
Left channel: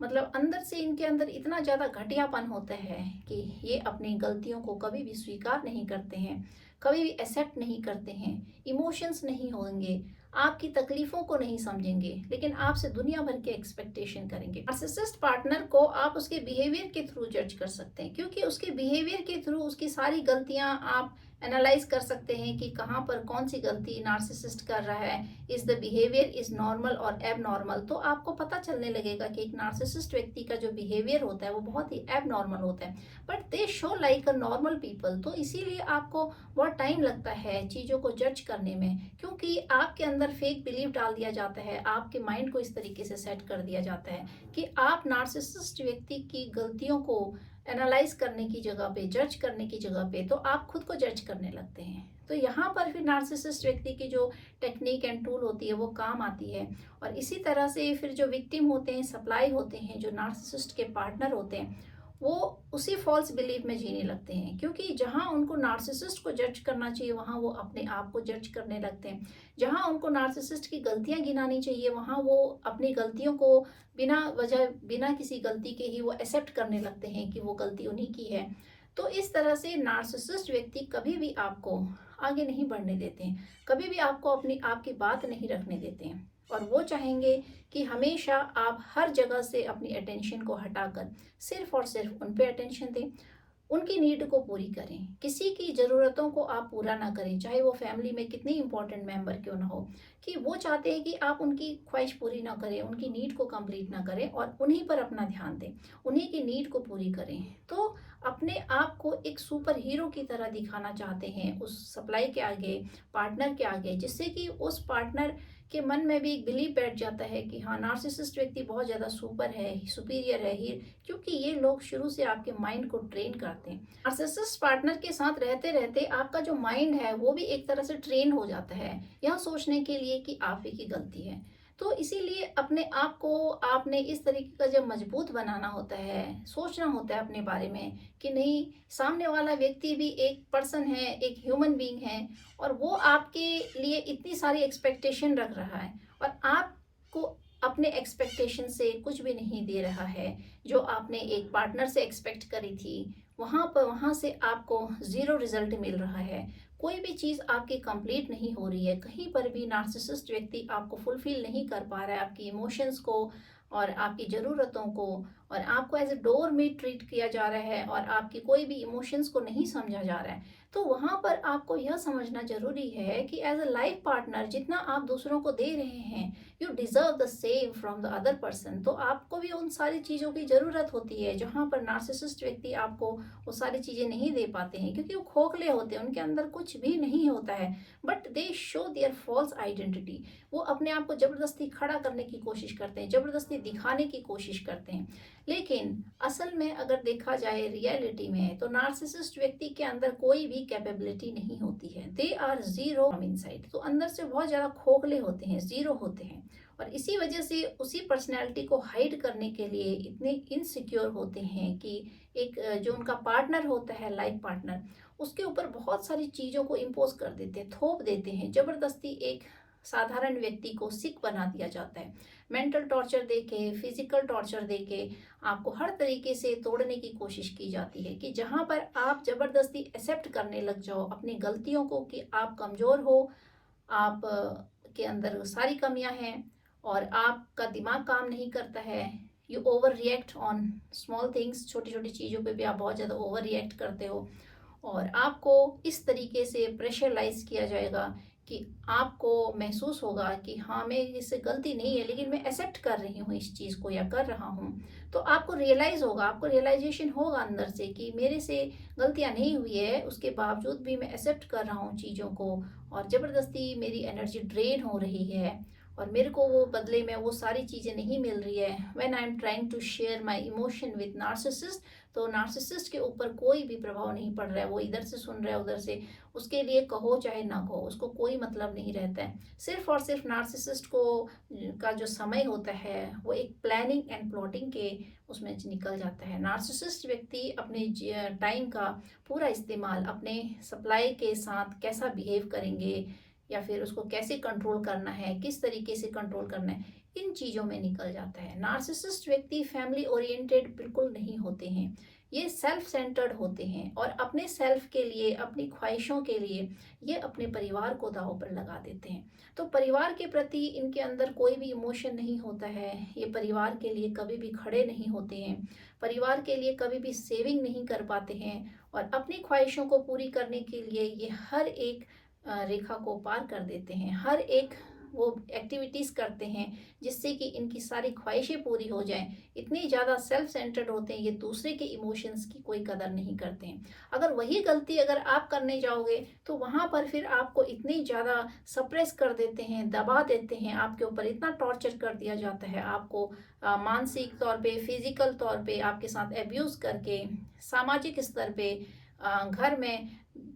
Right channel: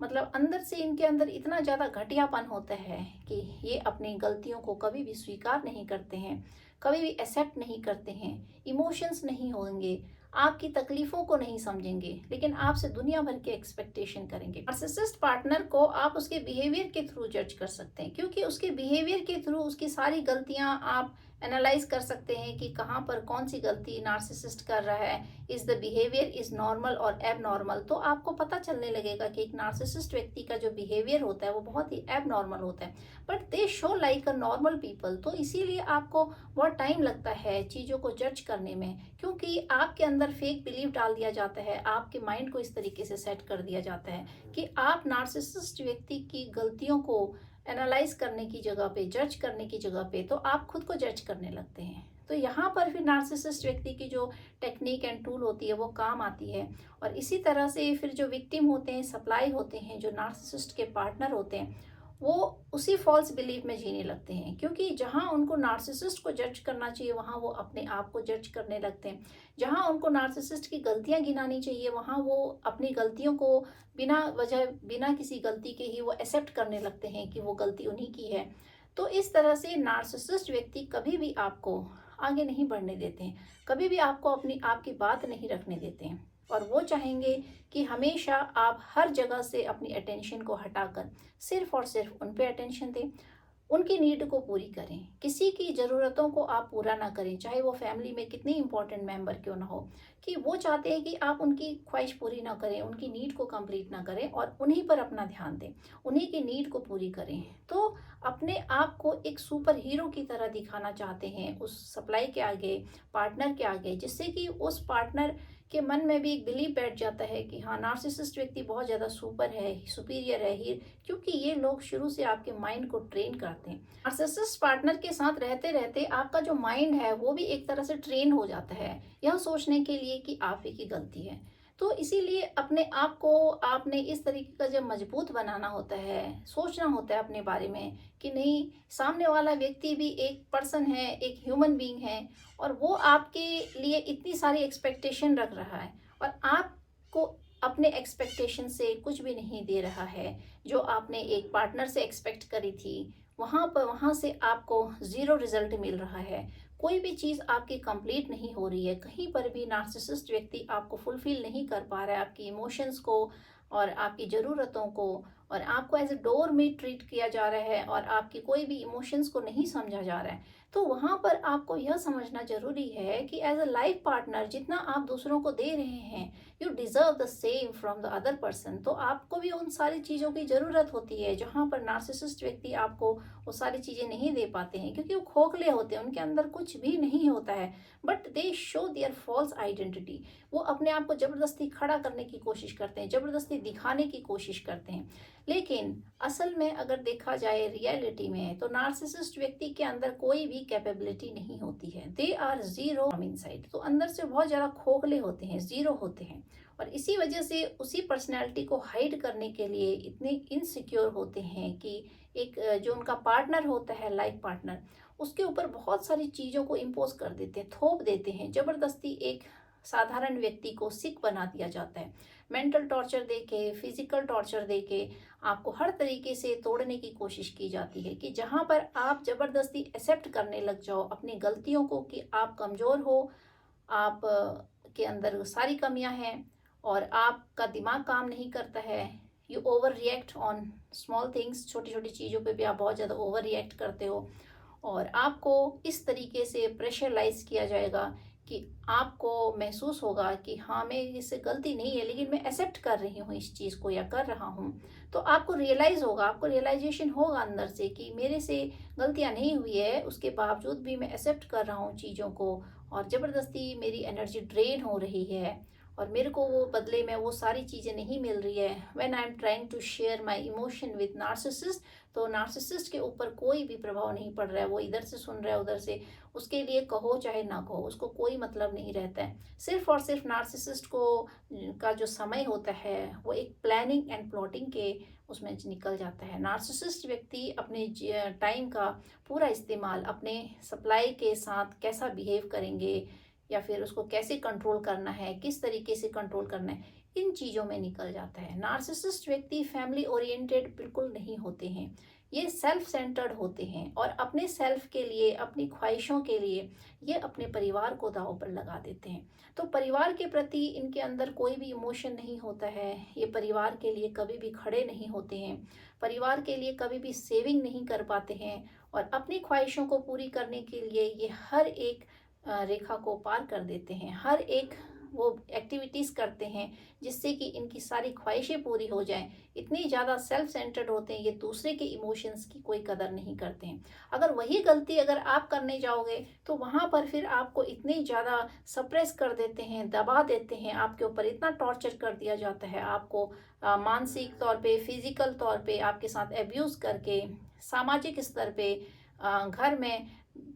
मतलब अंदर से इनके अंदर इतना ज़्यादा घटियापन होता है कि ये अपनी गलतियों को कभी भी स्वीकार नहीं करते हैं, कभी भी एक्सेप्ट नहीं करते हैं, इमोशंस नहीं होंगे, आपकी तकलीफों को नहीं समझेंगे, लेकिन आपसे दुनिया भर के एक्सपेक्टेशन करेंगे। नार्सिसिस्ट पार्टनर को आप उसके बिहेवियर के थ्रू जज कर सकते हैं, क्योंकि उसके बिहेवियर के थ्रू उसकी सारी गलतियां आप एनालाइज कर सकते हैं कि कहाँ पर कौन सी गलती नार्सिसिस्ट कर रहा है, is the behaviour is normal और एब नॉर्मल। तो आपको पता चलने लगेगा कि एक नार्सिसिस्ट व्यक्ति का जो बिहेवियर होता है वो बहुत ही एब नॉर्मल होता है, but they show like a normal people. तो इसीलिए आपको बहुत टाइम लगता है चीज़ों को जज करने में, क्योंकि आपके अंदर फेक बिलीव डाल दिया जाता है, आपके माइंड को इस तरीके से सेट कर दिया जाता है कि आप नार्सिसिस्ट व्यक्ति की गलतियों को एनालाइज करने की जगह पे, जज करने की जगह पे, तो आप खुद को जज करने लगते हैं। तो यहाँ पर फिर नार्सिसिस्ट व्यक्ति की जो टेक्निक एंड टूल होती है वो काम आती है। और इसी तरह से फिर जो विक्टिम होते हैं, सप्लाई होते हैं, जो नार्सिसिस्ट के पार्टनर होते हैं, वो उसी फॉल्स बिलीफ में जीने लगते हैं, क्योंकि जहाँ उनको नार्सिसिस्ट को जज करना चाहिए वहाँ वो अपने आप को जज करने लगते हैं, जहाँ उनको नार्सिसिस्ट की गलतियाँ गिनानी चाहिए वहाँ वो अपनी गलतियों को बिना वजह, बिना किसी गलती के ही वो एक्सेप्ट करने लगते हैं कि वो गलती उन्हीं की है। तो इस तरह से नार्सिसिस्ट व्यक्ति कभी भी आपको आगे नहीं बढ़ने देते हैं, कभी भी आपको अपनी आपकी बात नहीं रखने देते हैं, और वो चाहेंगे कि हमेशा आप हर जगह से अपनी अटेंशन को हटाकर सिर्फ और सिर्फ उन पे अटेंशन दें। उनकी नीड को पूरी करें, किसी की ज़रूरतों को आप पूरा ना करें, चाहे वो फैमिली में कितनी इंपॉर्टेंट मेंबर क्यों ना हो, कि वो चाहते हैं कि आप उनकी ख्वाहिश पूरी ना करें, उनकी नीड को कंप्लीट ना करें और उन्हीं पर अपना ध्यान दें, उन्हीं की नीड को पूरी करें। तो अपने आप को एक सुपर हीरो की तरह दिखाना चाहते हैं उस सप्लाई के आगे, पार्टनर के आगे, जिससे कि उस पार्टनर के मन में भी एक बिलीव बैठ जाता है कि हाँ, नार्सिसिस्ट व्यक्ति बहुत ज़्यादा सुपर है, सुपीरियर है, ही, क्योंकि ये लोग शुरू से आपके माइंड को ट्रेन करते हैं। नार्सिसिस्ट पार्टनर के साथ रहते रहते आपका जो माइंड है वो भी एक तरह से ट्रेन हो जाता है यह सोचने के लिए कि आप ही की गलती है। तो इसीलिए अपने आप को आपने इस तरीके का जब मजबूत बनाना होता है, सोचना होता है अपने बारे में कि नहीं, सामने वाला व्यक्ति भी एक पर्सन है, एक ह्यूमन बीइंग है और वो आपके लिए इतनी सारी एक्सपेक्टेशन रख रहा है और आपको अपने एक्सपेक्टेशन से कुछ भी नहीं दे रहा है। जो आपने एक पार्टनर से एक्सपेक्ट करी थी वहाँ से आपको ज़ीरो रिजल्ट मिल रहा है। कोई भी चीज़ आपकी कंप्लीट नहीं हो रही है, कहीं पर भी नार्सिसिस्ट व्यक्ति आपको फुलफिल नहीं कर पा रहा है, आपकी इमोशंस को और आपकी ज़रूरतों को, और आपको एज ए डोर में ट्रीट किया जा रहा है और आपकी कोई भी इमोशंस को नहीं समझा जा रहा है। तो वहाँ पर आपको यह समझना ज़रूरी है कि एज अ लाइफ पार्टनर जितना आप दूसरों को दे रहे हैं, you deserve the same from the other person. तो आपको भी उन सारी चीज़ों की ज़रूरत होती है जहाँ पर नार्सिसिस्ट व्यक्ति आपको वो सारी चीज़ें नहीं दे पाते हैं, क्योंकि वो खोखले होते हैं, उनके अंदर कुछ भी नहीं होता है, but they show their false identity. वो अपने आप को ज़बरदस्ती खड़ा करने की कोशिश करते हैं, ज़बरदस्ती दिखाने की कोशिश करते हैं। लेकिन असल में अगर देखा जाए रियलिटी में, तो नार्सिसिस्ट व्यक्ति के अंदर कोई भी कैपेबिलिटी नहीं होती है। They are zero from inside. तो अंदर से बहुत ज़्यादा खोखले होते हैं, जीरो होते हैं, और इसी वजह से उसी पर्सनैलिटी को हाइड करने के लिए इतने इनसिक्योर होते हैं कि एक जो उनका पार्टनर होता है, लाइफ पार्टनर, उसके ऊपर बहुत सारी चीज़ों को इम्पोज कर देते हैं, थोप देते हैं, ज़बरदस्ती एक साधारण व्यक्ति को सिक बना दिया जाता है। मेंटल टॉर्चर देके, फिजिकल टॉर्चर देके आपको हर तरीके से तोड़ने की कोशिश की जाती है, कि जहाँ पर आप ज़बरदस्ती एक्सेप्ट करने लग जाओ अपनी गलतियों को, कि आप कमज़ोर हो, आप के अंदर सारी कमियां हैं और आपका दिमाग काम नहीं करता है। You over react on small things, छोटी छोटी चीज़ों पे भी आप बहुत ज़्यादा ओवर रिएक्ट करते हो, और आपको इस तरीके से प्रेशराइज किया जाएगा कि आपको महसूस होगा कि हाँ, मैं इससे गलती नहीं है लेकिन मैं एक्सेप्ट कर रही हूँ इस चीज़ को या कर रहा हूँ। तो आपको रियलाइज़ होगा, आपको रियलाइजेशन होगा अंदर से कि मेरे से गलतियाँ नहीं हुई है, उसके बावजूद भी मैं एक्सेप्ट कर रहा हूँ चीज़ों को और ज़बरदस्ती मेरी एनर्जी ड्रेन हो रही है और मेरे को वो बदले में वो सारी चीज़ें नहीं मिल रही है। When I am trying to share my emotion with narcissist, तो नार्सिसिस्ट के ऊपर कोई भी प्रभाव नहीं पड़ रहा है, वो इधर से सुन रहा है उधर से, उसके लिए कहो चाहे ना कहो उसको कोई मतलब नहीं रहता है। सिर्फ और सिर्फ नार्सिसिस्ट को का जो समय होता है वो एक प्लानिंग एंड प्लॉटिंग के उसमें निकल जाता है। नार्सिसिस्ट व्यक्ति अपने टाइम का पूरा इस्तेमाल अपने सप्लाई के साथ कैसा बिहेव करेंगे या फिर उसको कैसे कंट्रोल करना है, किस तरीके से कंट्रोल करना है, इन चीज़ों में निकल जाता है। नार्सिसिस्ट व्यक्ति फैमिली ओरिएंटेड बिल्कुल नहीं होते हैं, ये सेल्फ सेंटर्ड होते हैं और अपने सेल्फ के लिए, अपनी ख्वाहिशों के लिए ये अपने परिवार को दांव पर लगा देते हैं। तो परिवार के प्रति इनके अंदर कोई भी इमोशन नहीं होता है, ये परिवार के लिए कभी भी खड़े नहीं होते हैं, परिवार के लिए कभी भी सेविंग नहीं कर पाते हैं और अपनी ख्वाहिशों को पूरी करने के लिए ये हर एक रेखा को पार कर देते हैं, हर एक वो एक्टिविटीज़ करते हैं जिससे कि इनकी सारी ख्वाहिशें पूरी हो जाएं। इतनी ज़्यादा सेल्फ सेंटर्ड होते हैं, ये दूसरे के इमोशंस की कोई कदर नहीं करते हैं। अगर वही गलती अगर आप करने जाओगे तो वहाँ पर फिर आपको इतनी ज़्यादा सप्रेस कर देते हैं, दबा देते हैं, आपके ऊपर इतना टॉर्चर कर दिया जाता है, आपको मानसिक तौर पे, फिजिकल तौर पे आपके साथ एब्यूज़ करके, सामाजिक स्तर पे घर में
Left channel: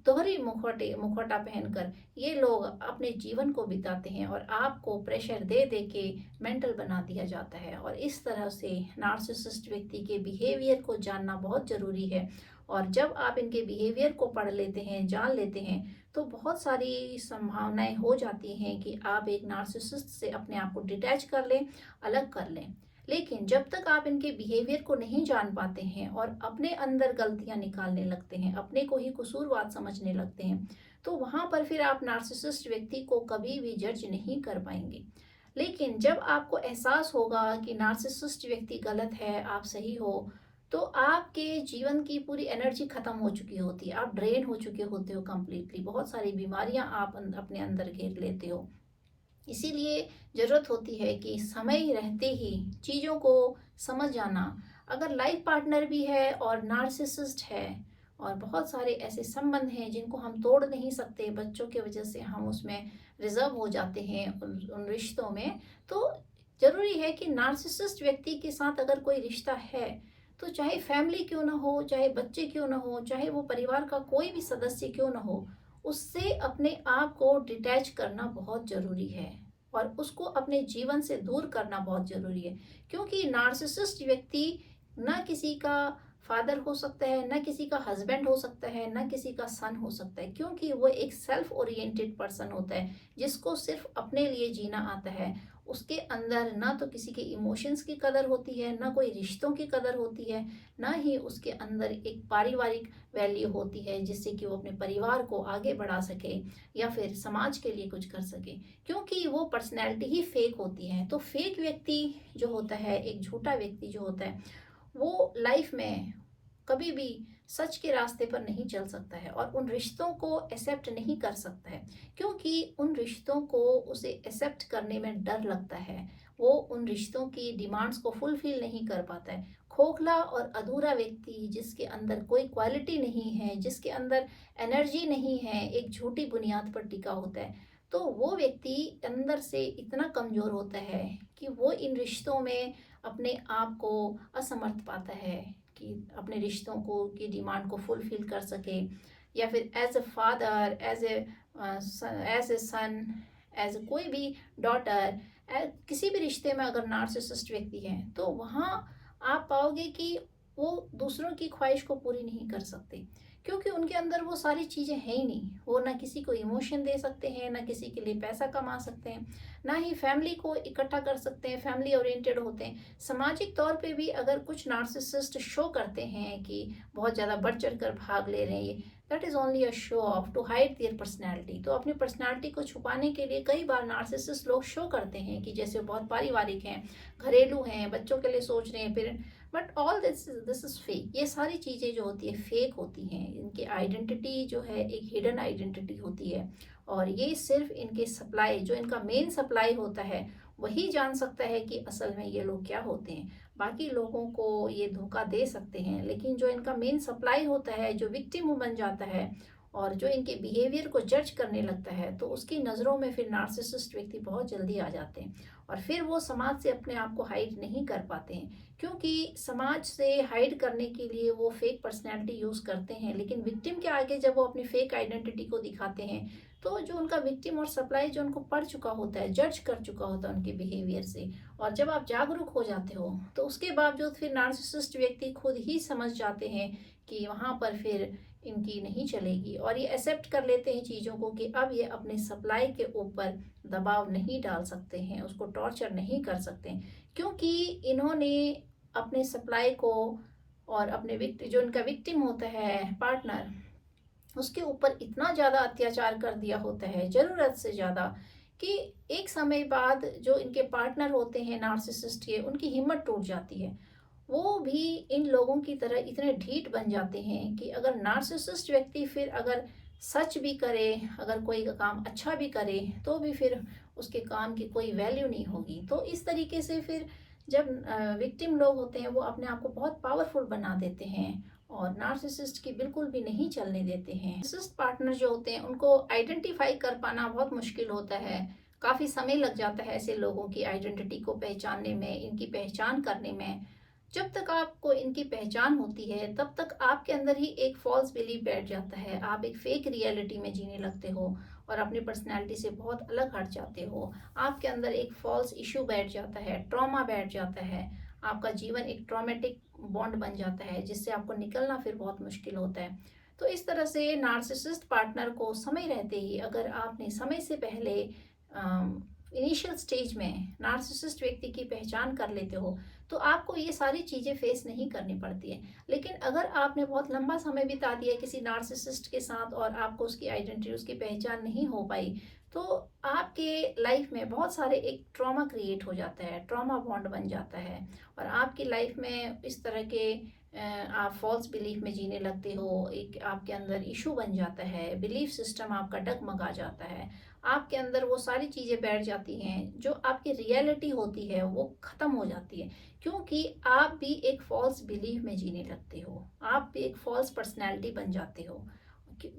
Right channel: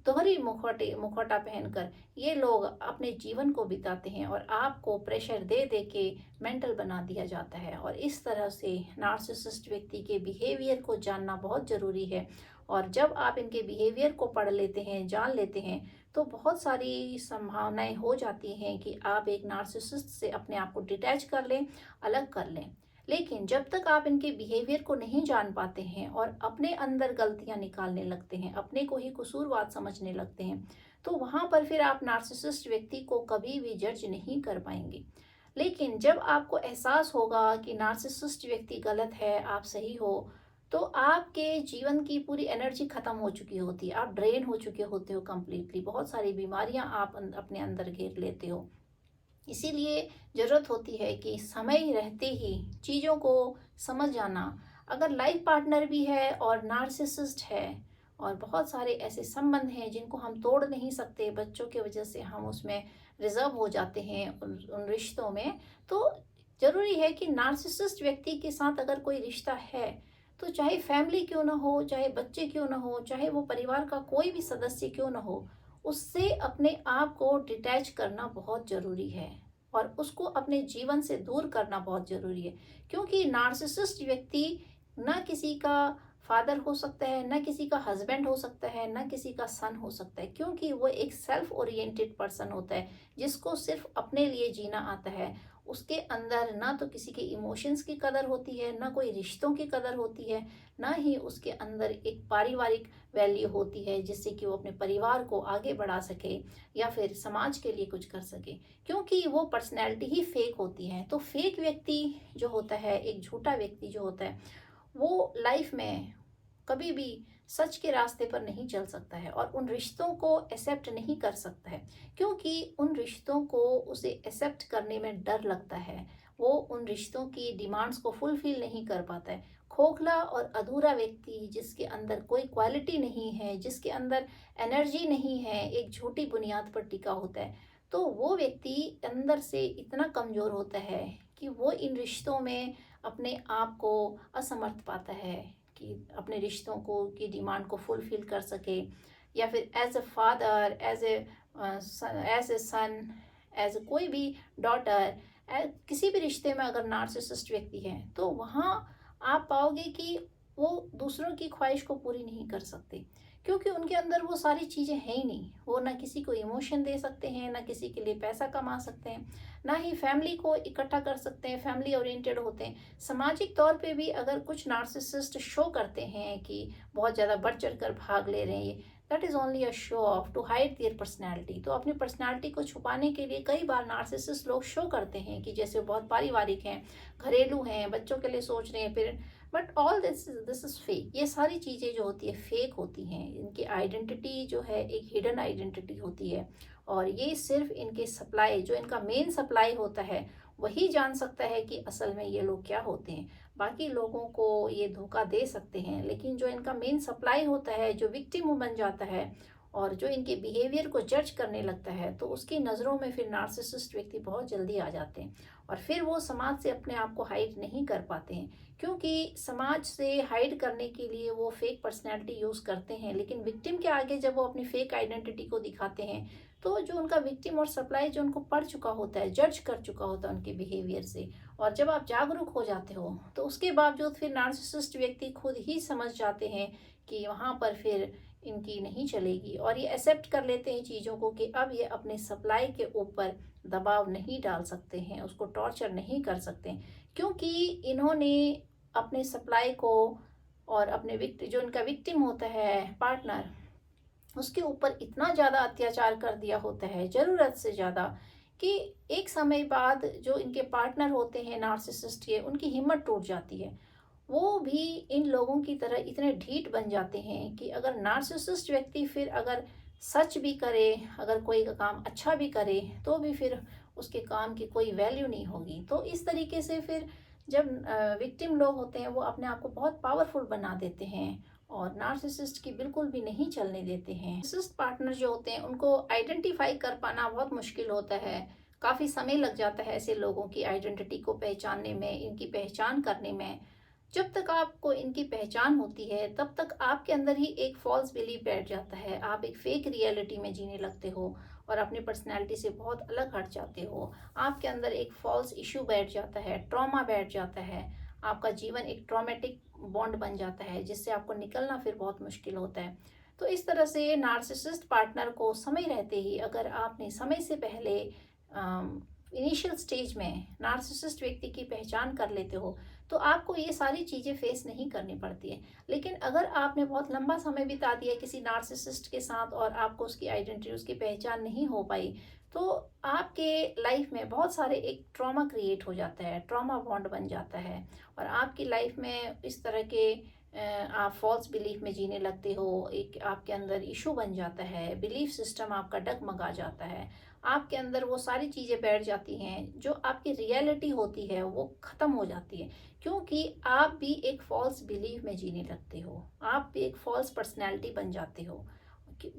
दोहरी मुखौटा पहनकर ये लोग अपने जीवन को बिताते हैं और आपको प्रेशर दे दे के मेंटल बना दिया जाता है। और इस तरह से नार्सिसिस्ट व्यक्ति के बिहेवियर को जानना बहुत ज़रूरी है, और जब आप इनके बिहेवियर को पढ़ लेते हैं, जान लेते हैं, तो बहुत सारी संभावनाएं हो जाती हैं कि आप एक नार्सिसिस्ट से अपने आप को डिटैच कर लें, अलग कर लें। लेकिन जब तक आप इनके बिहेवियर को नहीं जान पाते हैं और अपने अंदर गलतियां निकालने लगते हैं, अपने को ही कसूरवार समझने लगते हैं, तो वहाँ पर फिर आप नार्सिसिस्ट व्यक्ति को कभी भी जज नहीं कर पाएंगे। लेकिन जब आपको एहसास होगा कि नार्सिसिस्ट व्यक्ति गलत है, आप सही हो, तो आपके जीवन की पूरी एनर्जी खत्म हो चुकी होती है, आप ड्रेन हो चुके होते हो कंप्लीटली, बहुत सारी बीमारियां आप अपने अंदर घेर लेते हो। इसीलिए ज़रूरत होती है कि समय रहते ही चीज़ों को समझ जाना। अगर लाइफ पार्टनर भी है और नार्सिसिस्ट है और बहुत सारे ऐसे संबंध हैं जिनको हम तोड़ नहीं सकते, बच्चों की वजह से हम उसमें रिजर्व हो जाते हैं उन रिश्तों में, तो ज़रूरी है कि नार्सिसिस्ट व्यक्ति के साथ अगर कोई रिश्ता है तो चाहे फैमिली क्यों ना हो, चाहे बच्चे क्यों ना हो, चाहे वो परिवार का कोई भी सदस्य क्यों ना हो, उससे अपने आप को डिटैच करना बहुत ज़रूरी है और उसको अपने जीवन से दूर करना बहुत ज़रूरी है। क्योंकि नार्सिसिस्ट व्यक्ति ना किसी का फादर हो सकता है, ना किसी का हस्बैंड हो सकता है, ना किसी का सन हो सकता है, क्योंकि वो एक सेल्फ ओरिएंटेड पर्सन होता है जिसको सिर्फ अपने लिए जीना आता है। उसके अंदर ना तो किसी के इमोशंस की कदर होती है, ना कोई रिश्तों की कदर होती है, ना ही उसके अंदर एक पारिवारिक वैल्यू होती है जिससे कि वो अपने परिवार को आगे बढ़ा सके या फिर समाज के लिए कुछ कर सके, क्योंकि वो पर्सनैलिटी ही फेक होती है। तो फेक व्यक्ति जो होता है, एक झूठा व्यक्ति जो होता है, वो लाइफ में कभी भी सच के रास्ते पर नहीं चल सकता है और उन रिश्तों को एक्सेप्ट नहीं कर सकता है, क्योंकि उन रिश्तों को उसे एक्सेप्ट करने में डर लगता है। वो उन रिश्तों की डिमांड्स को फुलफिल नहीं कर पाता है। खोखला और अधूरा व्यक्ति जिसके अंदर कोई क्वालिटी नहीं है, जिसके अंदर एनर्जी नहीं है, एक झूठी बुनियाद पर टिका होता है, तो वो व्यक्ति अंदर से इतना कमज़ोर होता है कि वो इन रिश्तों में अपने आप को असमर्थ पाता है कि अपने रिश्तों को की डिमांड को फुलफिल कर सके, या फिर as a father, as a son, as कोई भी डॉटर, किसी भी रिश्ते में अगर नार्सिसिस्ट व्यक्ति है तो वहाँ आप पाओगे कि वो दूसरों की ख्वाहिश को पूरी नहीं कर सकते, क्योंकि उनके अंदर वो सारी चीज़ें हैं ही नहीं। वो ना किसी को इमोशन दे सकते हैं, ना किसी के लिए पैसा कमा सकते हैं, ना ही फैमिली को इकट्ठा कर सकते हैं, फैमिली ओरिएंटेड होते हैं। सामाजिक तौर पे भी अगर कुछ नार्सिसिस्ट शो करते हैं कि बहुत ज़्यादा बढ़ चढ़ कर भाग ले रहे हैं, that is only a show off to hide their personality. तो अपनी पर्सनैलिटी को छुपाने के लिए कई बार नार्सिसिस्ट लोग शो करते हैं कि जैसे बहुत पारिवारिक हैं, घरेलू हैं, बच्चों के लिए सोच रहे हैं, फिर but all this is fake. ये सारी चीज़ें जो होती है फेक होती हैं। इनकी आइडेंटिटी जो है एक हिडन आइडेंटिटी होती है और ये सिर्फ इनके सप्लाई, जो इनका मेन सप्लाई होता है, वही जान सकता है कि असल में ये लोग क्या होते हैं। बाकी लोगों को ये धोखा दे सकते हैं, लेकिन जो इनका मेन सप्लाई होता है, जो विक्टिम बन जाता है और जो इनके बिहेवियर को जज करने लगता है, तो उसकी नज़रों में फिर नार्सिसिस्ट व्यक्ति बहुत जल्दी आ जाते हैं और फिर वो समाज से अपने आप को हाइड नहीं कर पाते हैं, क्योंकि समाज से हाइड करने के लिए वो फेक पर्सनैलिटी यूज़ करते हैं। लेकिन विक्टिम के आगे जब वो अपनी फेक आइडेंटिटी को दिखाते हैं, तो जो उनका विक्टिम और सप्लाई जो उनको पढ़ चुका होता है, जज कर चुका होता है उनके बिहेवियर से, और जब आप जागरूक हो जाते हो तो उसके बावजूद फिर नार्सिसिस्ट व्यक्ति खुद ही समझ जाते हैं कि वहाँ पर फिर इनकी नहीं चलेगी और ये एक्सेप्ट कर लेते हैं चीज़ों को कि अब ये अपने सप्लाई के ऊपर दबाव नहीं डाल सकते हैं, उसको टॉर्चर नहीं कर सकते हैं, क्योंकि इन्होंने अपने सप्लाई को और अपने जो इनका विक्टिम होता है पार्टनर, उसके ऊपर इतना ज़्यादा अत्याचार कर दिया होता है, ज़रूरत से ज़्यादा, कि एक समय बाद जो इनके पार्टनर होते हैं नार्सिसिस्ट के, उनकी हिम्मत टूट जाती है। वो भी इन लोगों की तरह इतने ढीठ बन जाते हैं कि अगर नार्सिसिस्ट व्यक्ति फिर अगर सच भी करे, अगर कोई काम अच्छा भी करे, तो भी फिर उसके काम की कोई वैल्यू नहीं होगी। तो इस तरीके से फिर जब विक्टिम लोग होते हैं वो अपने आप को बहुत पावरफुल बना देते हैं और नार्सिसिस्ट की बिल्कुल भी नहीं चलने देते हैं। नार्सिसिस्ट पार्टनर जो होते हैं उनको आइडेंटिफाई कर पाना बहुत मुश्किल होता है। काफ़ी समय लग जाता है ऐसे लोगों की आइडेंटिटी को पहचानने में, इनकी पहचान करने में। जब तक आपको इनकी पहचान होती है तब तक आपके अंदर ही एक फॉल्स बिलीफ बैठ जाता है। आप एक फेक रियलिटी में जीने लगते हो और अपनी पर्सनैलिटी से बहुत अलग हट जाते हो। आपके अंदर एक फॉल्स इशू बैठ जाता है, ट्रॉमा बैठ जाता है। आपका जीवन एक ट्रॉमेटिक बॉन्ड बन जाता है जिससे आपको निकलना फिर बहुत मुश्किल होता है। तो इस तरह से नार्सिसिस्ट पार्टनर को समय रहते ही अगर आपने समय से पहले इनिशियल स्टेज में नार्सिसिस्ट व्यक्ति की पहचान कर लेते हो तो आपको ये सारी चीज़ें फेस नहीं करनी पड़ती है। लेकिन अगर आपने बहुत लंबा समय बिता दिया किसी नार्सिसिस्ट के साथ और आपको उसकी आइडेंटिटी, उसकी पहचान नहीं हो पाई, तो आपके लाइफ में बहुत सारे एक ट्रॉमा क्रिएट हो जाता है, ट्रॉमा बॉन्ड बन जाता है और आपकी लाइफ में इस तरह के आप फॉल्स बिलीफ में जीने लगते हो, एक आपके अंदर इशू बन जाता है, बिलीफ सिस्टम आपका डगमगा जाता है, आपके अंदर वो सारी चीज़ें बैठ जाती हैं जो आपकी रियलिटी होती है वो ख़त्म हो जाती है, क्योंकि आप भी एक फॉल्स बिलीफ में जीने लगते हो, आप भी एक फॉल्स पर्सनैलिटी बन जाते हो।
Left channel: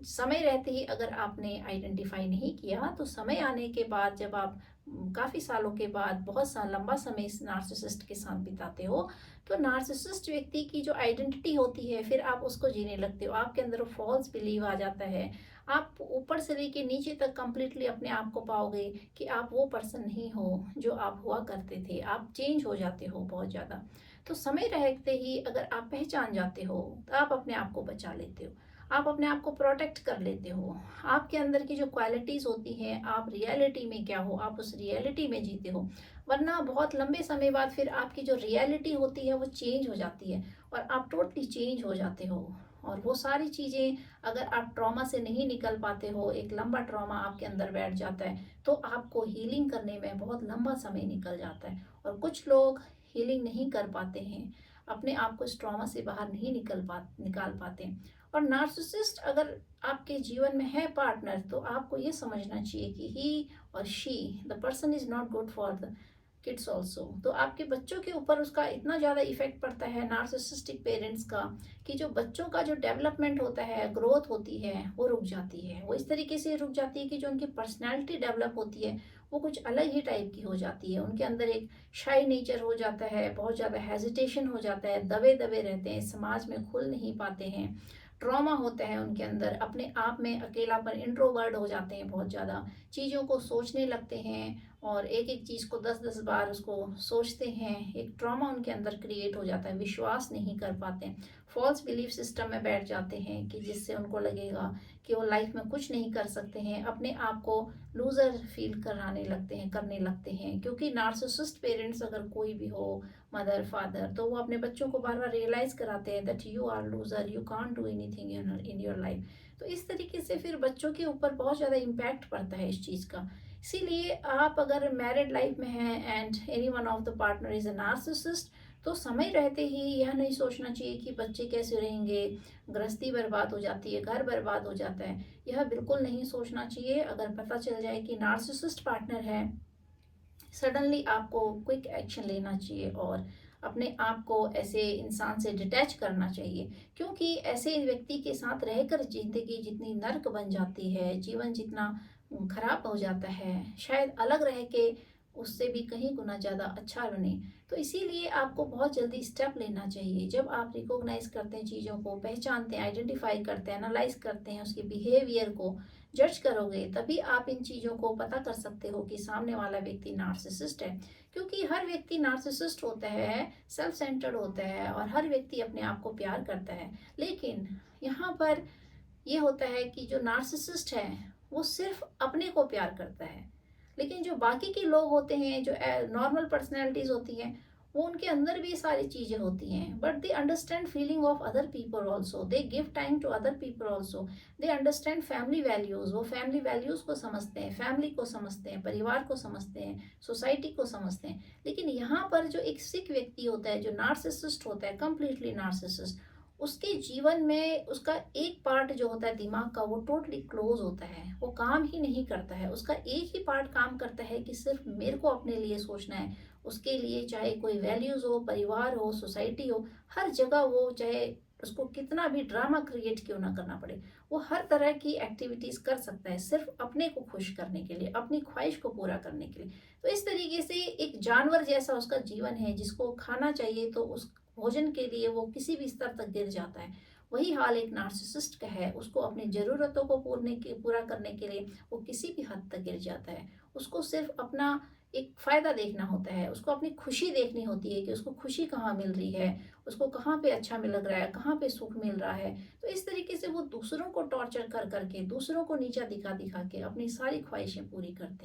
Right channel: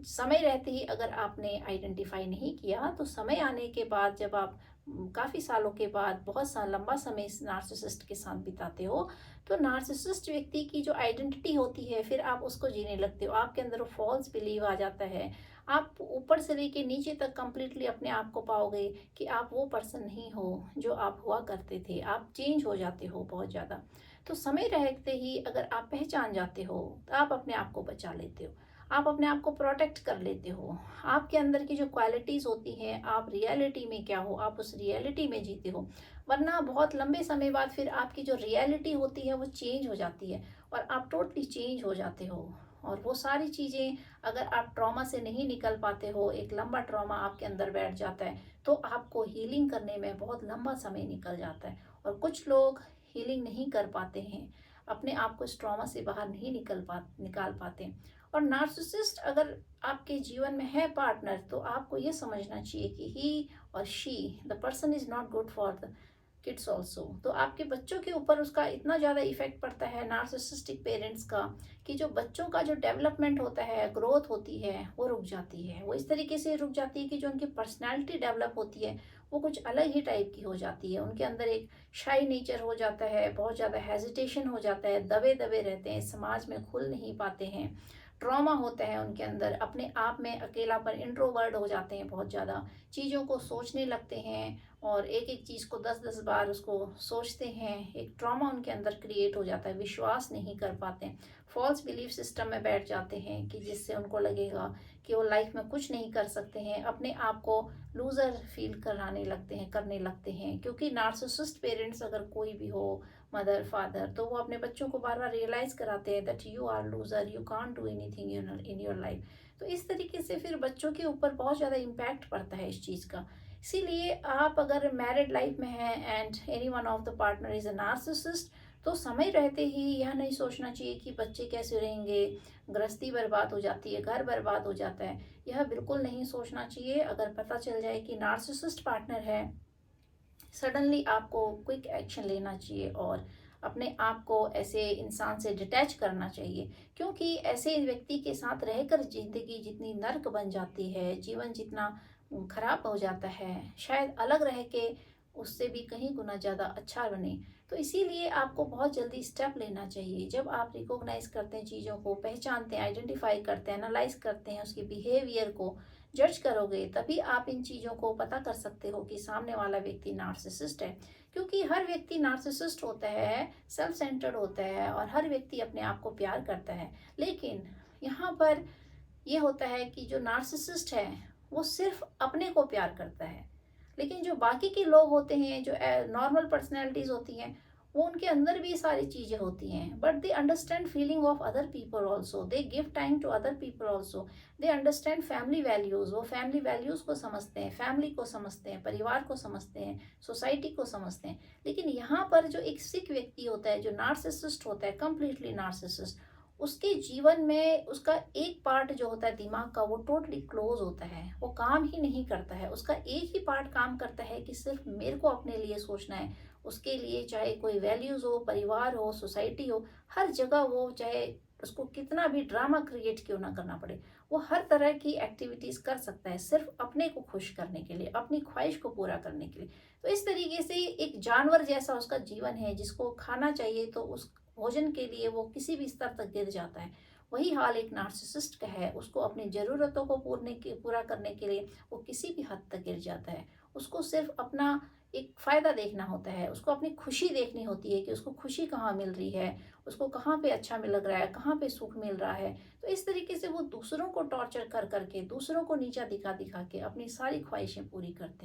समय रहते ही अगर आपने आइडेंटिफाई नहीं किया तो समय आने के बाद जब आप काफ़ी सालों के बाद बहुत सा लंबा समय इस नार्सिसिस्ट के साथ बिताते हो, तो नार्सिसिस्ट व्यक्ति की जो आइडेंटिटी होती है फिर आप उसको जीने लगते हो, आपके अंदर वो फॉल्स बिलीव आ जाता है। आप ऊपर से लेके नीचे तक कंप्लीटली अपने आप को पाओगे कि आप वो पर्सन नहीं हो जो आप हुआ करते थे, आप चेंज हो जाते हो बहुत ज़्यादा। तो समय रहते ही अगर आप पहचान जाते हो तो आप अपने आप को बचा लेते हो, आप अपने आप को प्रोटेक्ट कर लेते हो। आपके अंदर की जो क्वालिटीज़ होती हैं, आप रियलिटी में क्या हो, आप उस रियलिटी में जीते हो। वरना बहुत लंबे समय बाद फिर आपकी जो रियलिटी होती है वो चेंज हो जाती है और आप टोटली चेंज हो जाते हो। और वो सारी चीज़ें अगर आप ट्रॉमा से नहीं निकल पाते हो, एक लंबा ट्रॉमा आपके अंदर बैठ जाता है, तो आपको हीलिंग करने में बहुत लंबा समय निकल जाता है। और कुछ लोग हीलिंग नहीं कर पाते हैं, अपने आप को इस ट्रॉमा से बाहर नहीं निकाल पाते। और नार्सिसिस्ट अगर आपके जीवन में है पार्टनर, तो आपको ये समझना चाहिए कि ही और she the person is not good for the kids also. तो आपके बच्चों के ऊपर उसका इतना ज़्यादा इफेक्ट पड़ता है नार्सिसिस्टिक पेरेंट्स का, कि जो बच्चों का जो डेवलपमेंट होता है, ग्रोथ होती है, वो रुक जाती है। वो इस तरीके से रुक जाती है कि जो उनकी पर्सनैलिटी डेवलप होती है वो कुछ अलग ही टाइप की हो जाती है। उनके अंदर एक शाई नेचर हो जाता है, बहुत ज़्यादा हेजिटेशन हो जाता है, दबे दबे रहते हैं, समाज में खुल नहीं पाते हैं, ट्रॉमा होता है उनके अंदर, अपने आप में अकेलापन, इंट्रोवर्ट हो जाते हैं, बहुत ज़्यादा चीज़ों को सोचने लगते हैं और एक एक चीज़ को 10-10 बार उसको सोचते हैं। एक ट्रॉमा उनके अंदर क्रिएट हो जाता है, विश्वास नहीं कर पाते, फॉल्स बिलीफ सिस्टम में बैठ जाते हैं कि जिससे उनको लगेगा कि वो लाइफ में कुछ नहीं कर सकते हैं, अपने आप को लूज़र फील करने लगते हैं। क्योंकि नार्सिसिस्ट पेरेंट्स अगर कोई भी हो, मदर फादर, तो वो अपने बच्चों को बार बार रियलाइज कराते हैं that you are loser, you can't do anything in your life. तो इस तरीके से फिर बच्चों के ऊपर बहुत ज़्यादा इम्पैक्ट पड़ता है इस चीज़ का। इसीलिए आप अगर मैरिड लाइफ में हैं and any one of the partner is a narcissist, तो समय रहते ही यह नहीं सोचना चाहिए कि बच्चे कैसे रहेंगे, गृहस्थी बर्बाद हो जाती है, घर बर्बाद हो जाता है, यह बिल्कुल नहीं सोचना चाहिए। अगर पता चल जाए कि नार्सिसिस्ट पार्टनर है, सडनली आपको क्विक एक्शन लेना चाहिए और अपने आप को ऐसे इंसान से डिटैच करना चाहिए। क्योंकि ऐसे व्यक्ति के साथ रहकर ज़िंदगी जितनी नर्क बन जाती है, जीवन जितना खराब हो जाता है, शायद अलग रह के उससे भी कहीं गुना ज़्यादा अच्छा बने। तो इसीलिए आपको बहुत जल्दी स्टेप लेना चाहिए। जब आप रिकॉग्नाइज करते हैं, चीज़ों को पहचानते हैं, आइडेंटिफाई करते हैं, एनालाइज करते हैं, उसके बिहेवियर को जज करोगे, तभी आप इन चीज़ों को पता कर सकते हो कि सामने वाला व्यक्ति नार्सिसिस्ट है। क्योंकि हर व्यक्ति नार्सिसिस्ट होता है, सेल्फ सेंटर्ड होता है और हर व्यक्ति अपने आप को प्यार करता है। लेकिन यहाँ पर ये होता है कि जो नार्सिसिस्ट है वो सिर्फ अपने को प्यार करता है, लेकिन जो बाकी के लोग होते हैं, जो नॉर्मल पर्सनैलिटीज होती हैं, वो उनके अंदर भी ये सारी चीज़ें होती हैं, but they understand feeling of other people also, they give time to other people also, they understand family values, वो फैमिली वैल्यूज़ को समझते हैं, फैमिली को समझते हैं, परिवार को समझते हैं, सोसाइटी को समझते हैं। लेकिन यहाँ पर जो एक सिक व्यक्ति होता है, जो नार्सिसिस्ट होता है, कंप्लीटली नार्सिसिस्ट, उसके जीवन में उसका एक पार्ट जो होता है दिमाग का, वो टोटली क्लोज होता है, वो काम ही नहीं करता है। उसका एक ही पार्ट काम करता है कि सिर्फ मेरे को अपने लिए सोचना है। उसके लिए चाहे कोई वैल्यूज़ हो, परिवार हो, सोसाइटी हो, हर जगह वो, चाहे उसको कितना भी ड्रामा क्रिएट क्यों ना करना पड़े, वो हर तरह की एक्टिविटीज़ कर सकता है सिर्फ अपने को खुश करने के लिए, अपनी ख्वाहिश को पूरा करने के लिए। तो इस तरीके से एक जानवर जैसा उसका जीवन है, जिसको खाना चाहिए तो उस भोजन के लिए वो किसी भी स्तर तक गिर जाता है। वही हाल एक नार्सिसिस्ट का है, उसको अपनी ज़रूरतों को पूरा करने के लिए वो किसी भी हद तक गिर जाता है। उसको सिर्फ अपना एक फ़ायदा देखना होता है, उसको अपनी खुशी देखनी होती है कि उसको खुशी कहाँ मिल रही है, उसको कहाँ पे अच्छा मिल लग रहा है, कहाँ पे सुख मिल रहा है। तो इस तरीके से वो दूसरों को टॉर्चर कर करके, दूसरों को नीचा दिखा दिखा के अपनी सारी ख्वाहिशें पूरी करते हैं।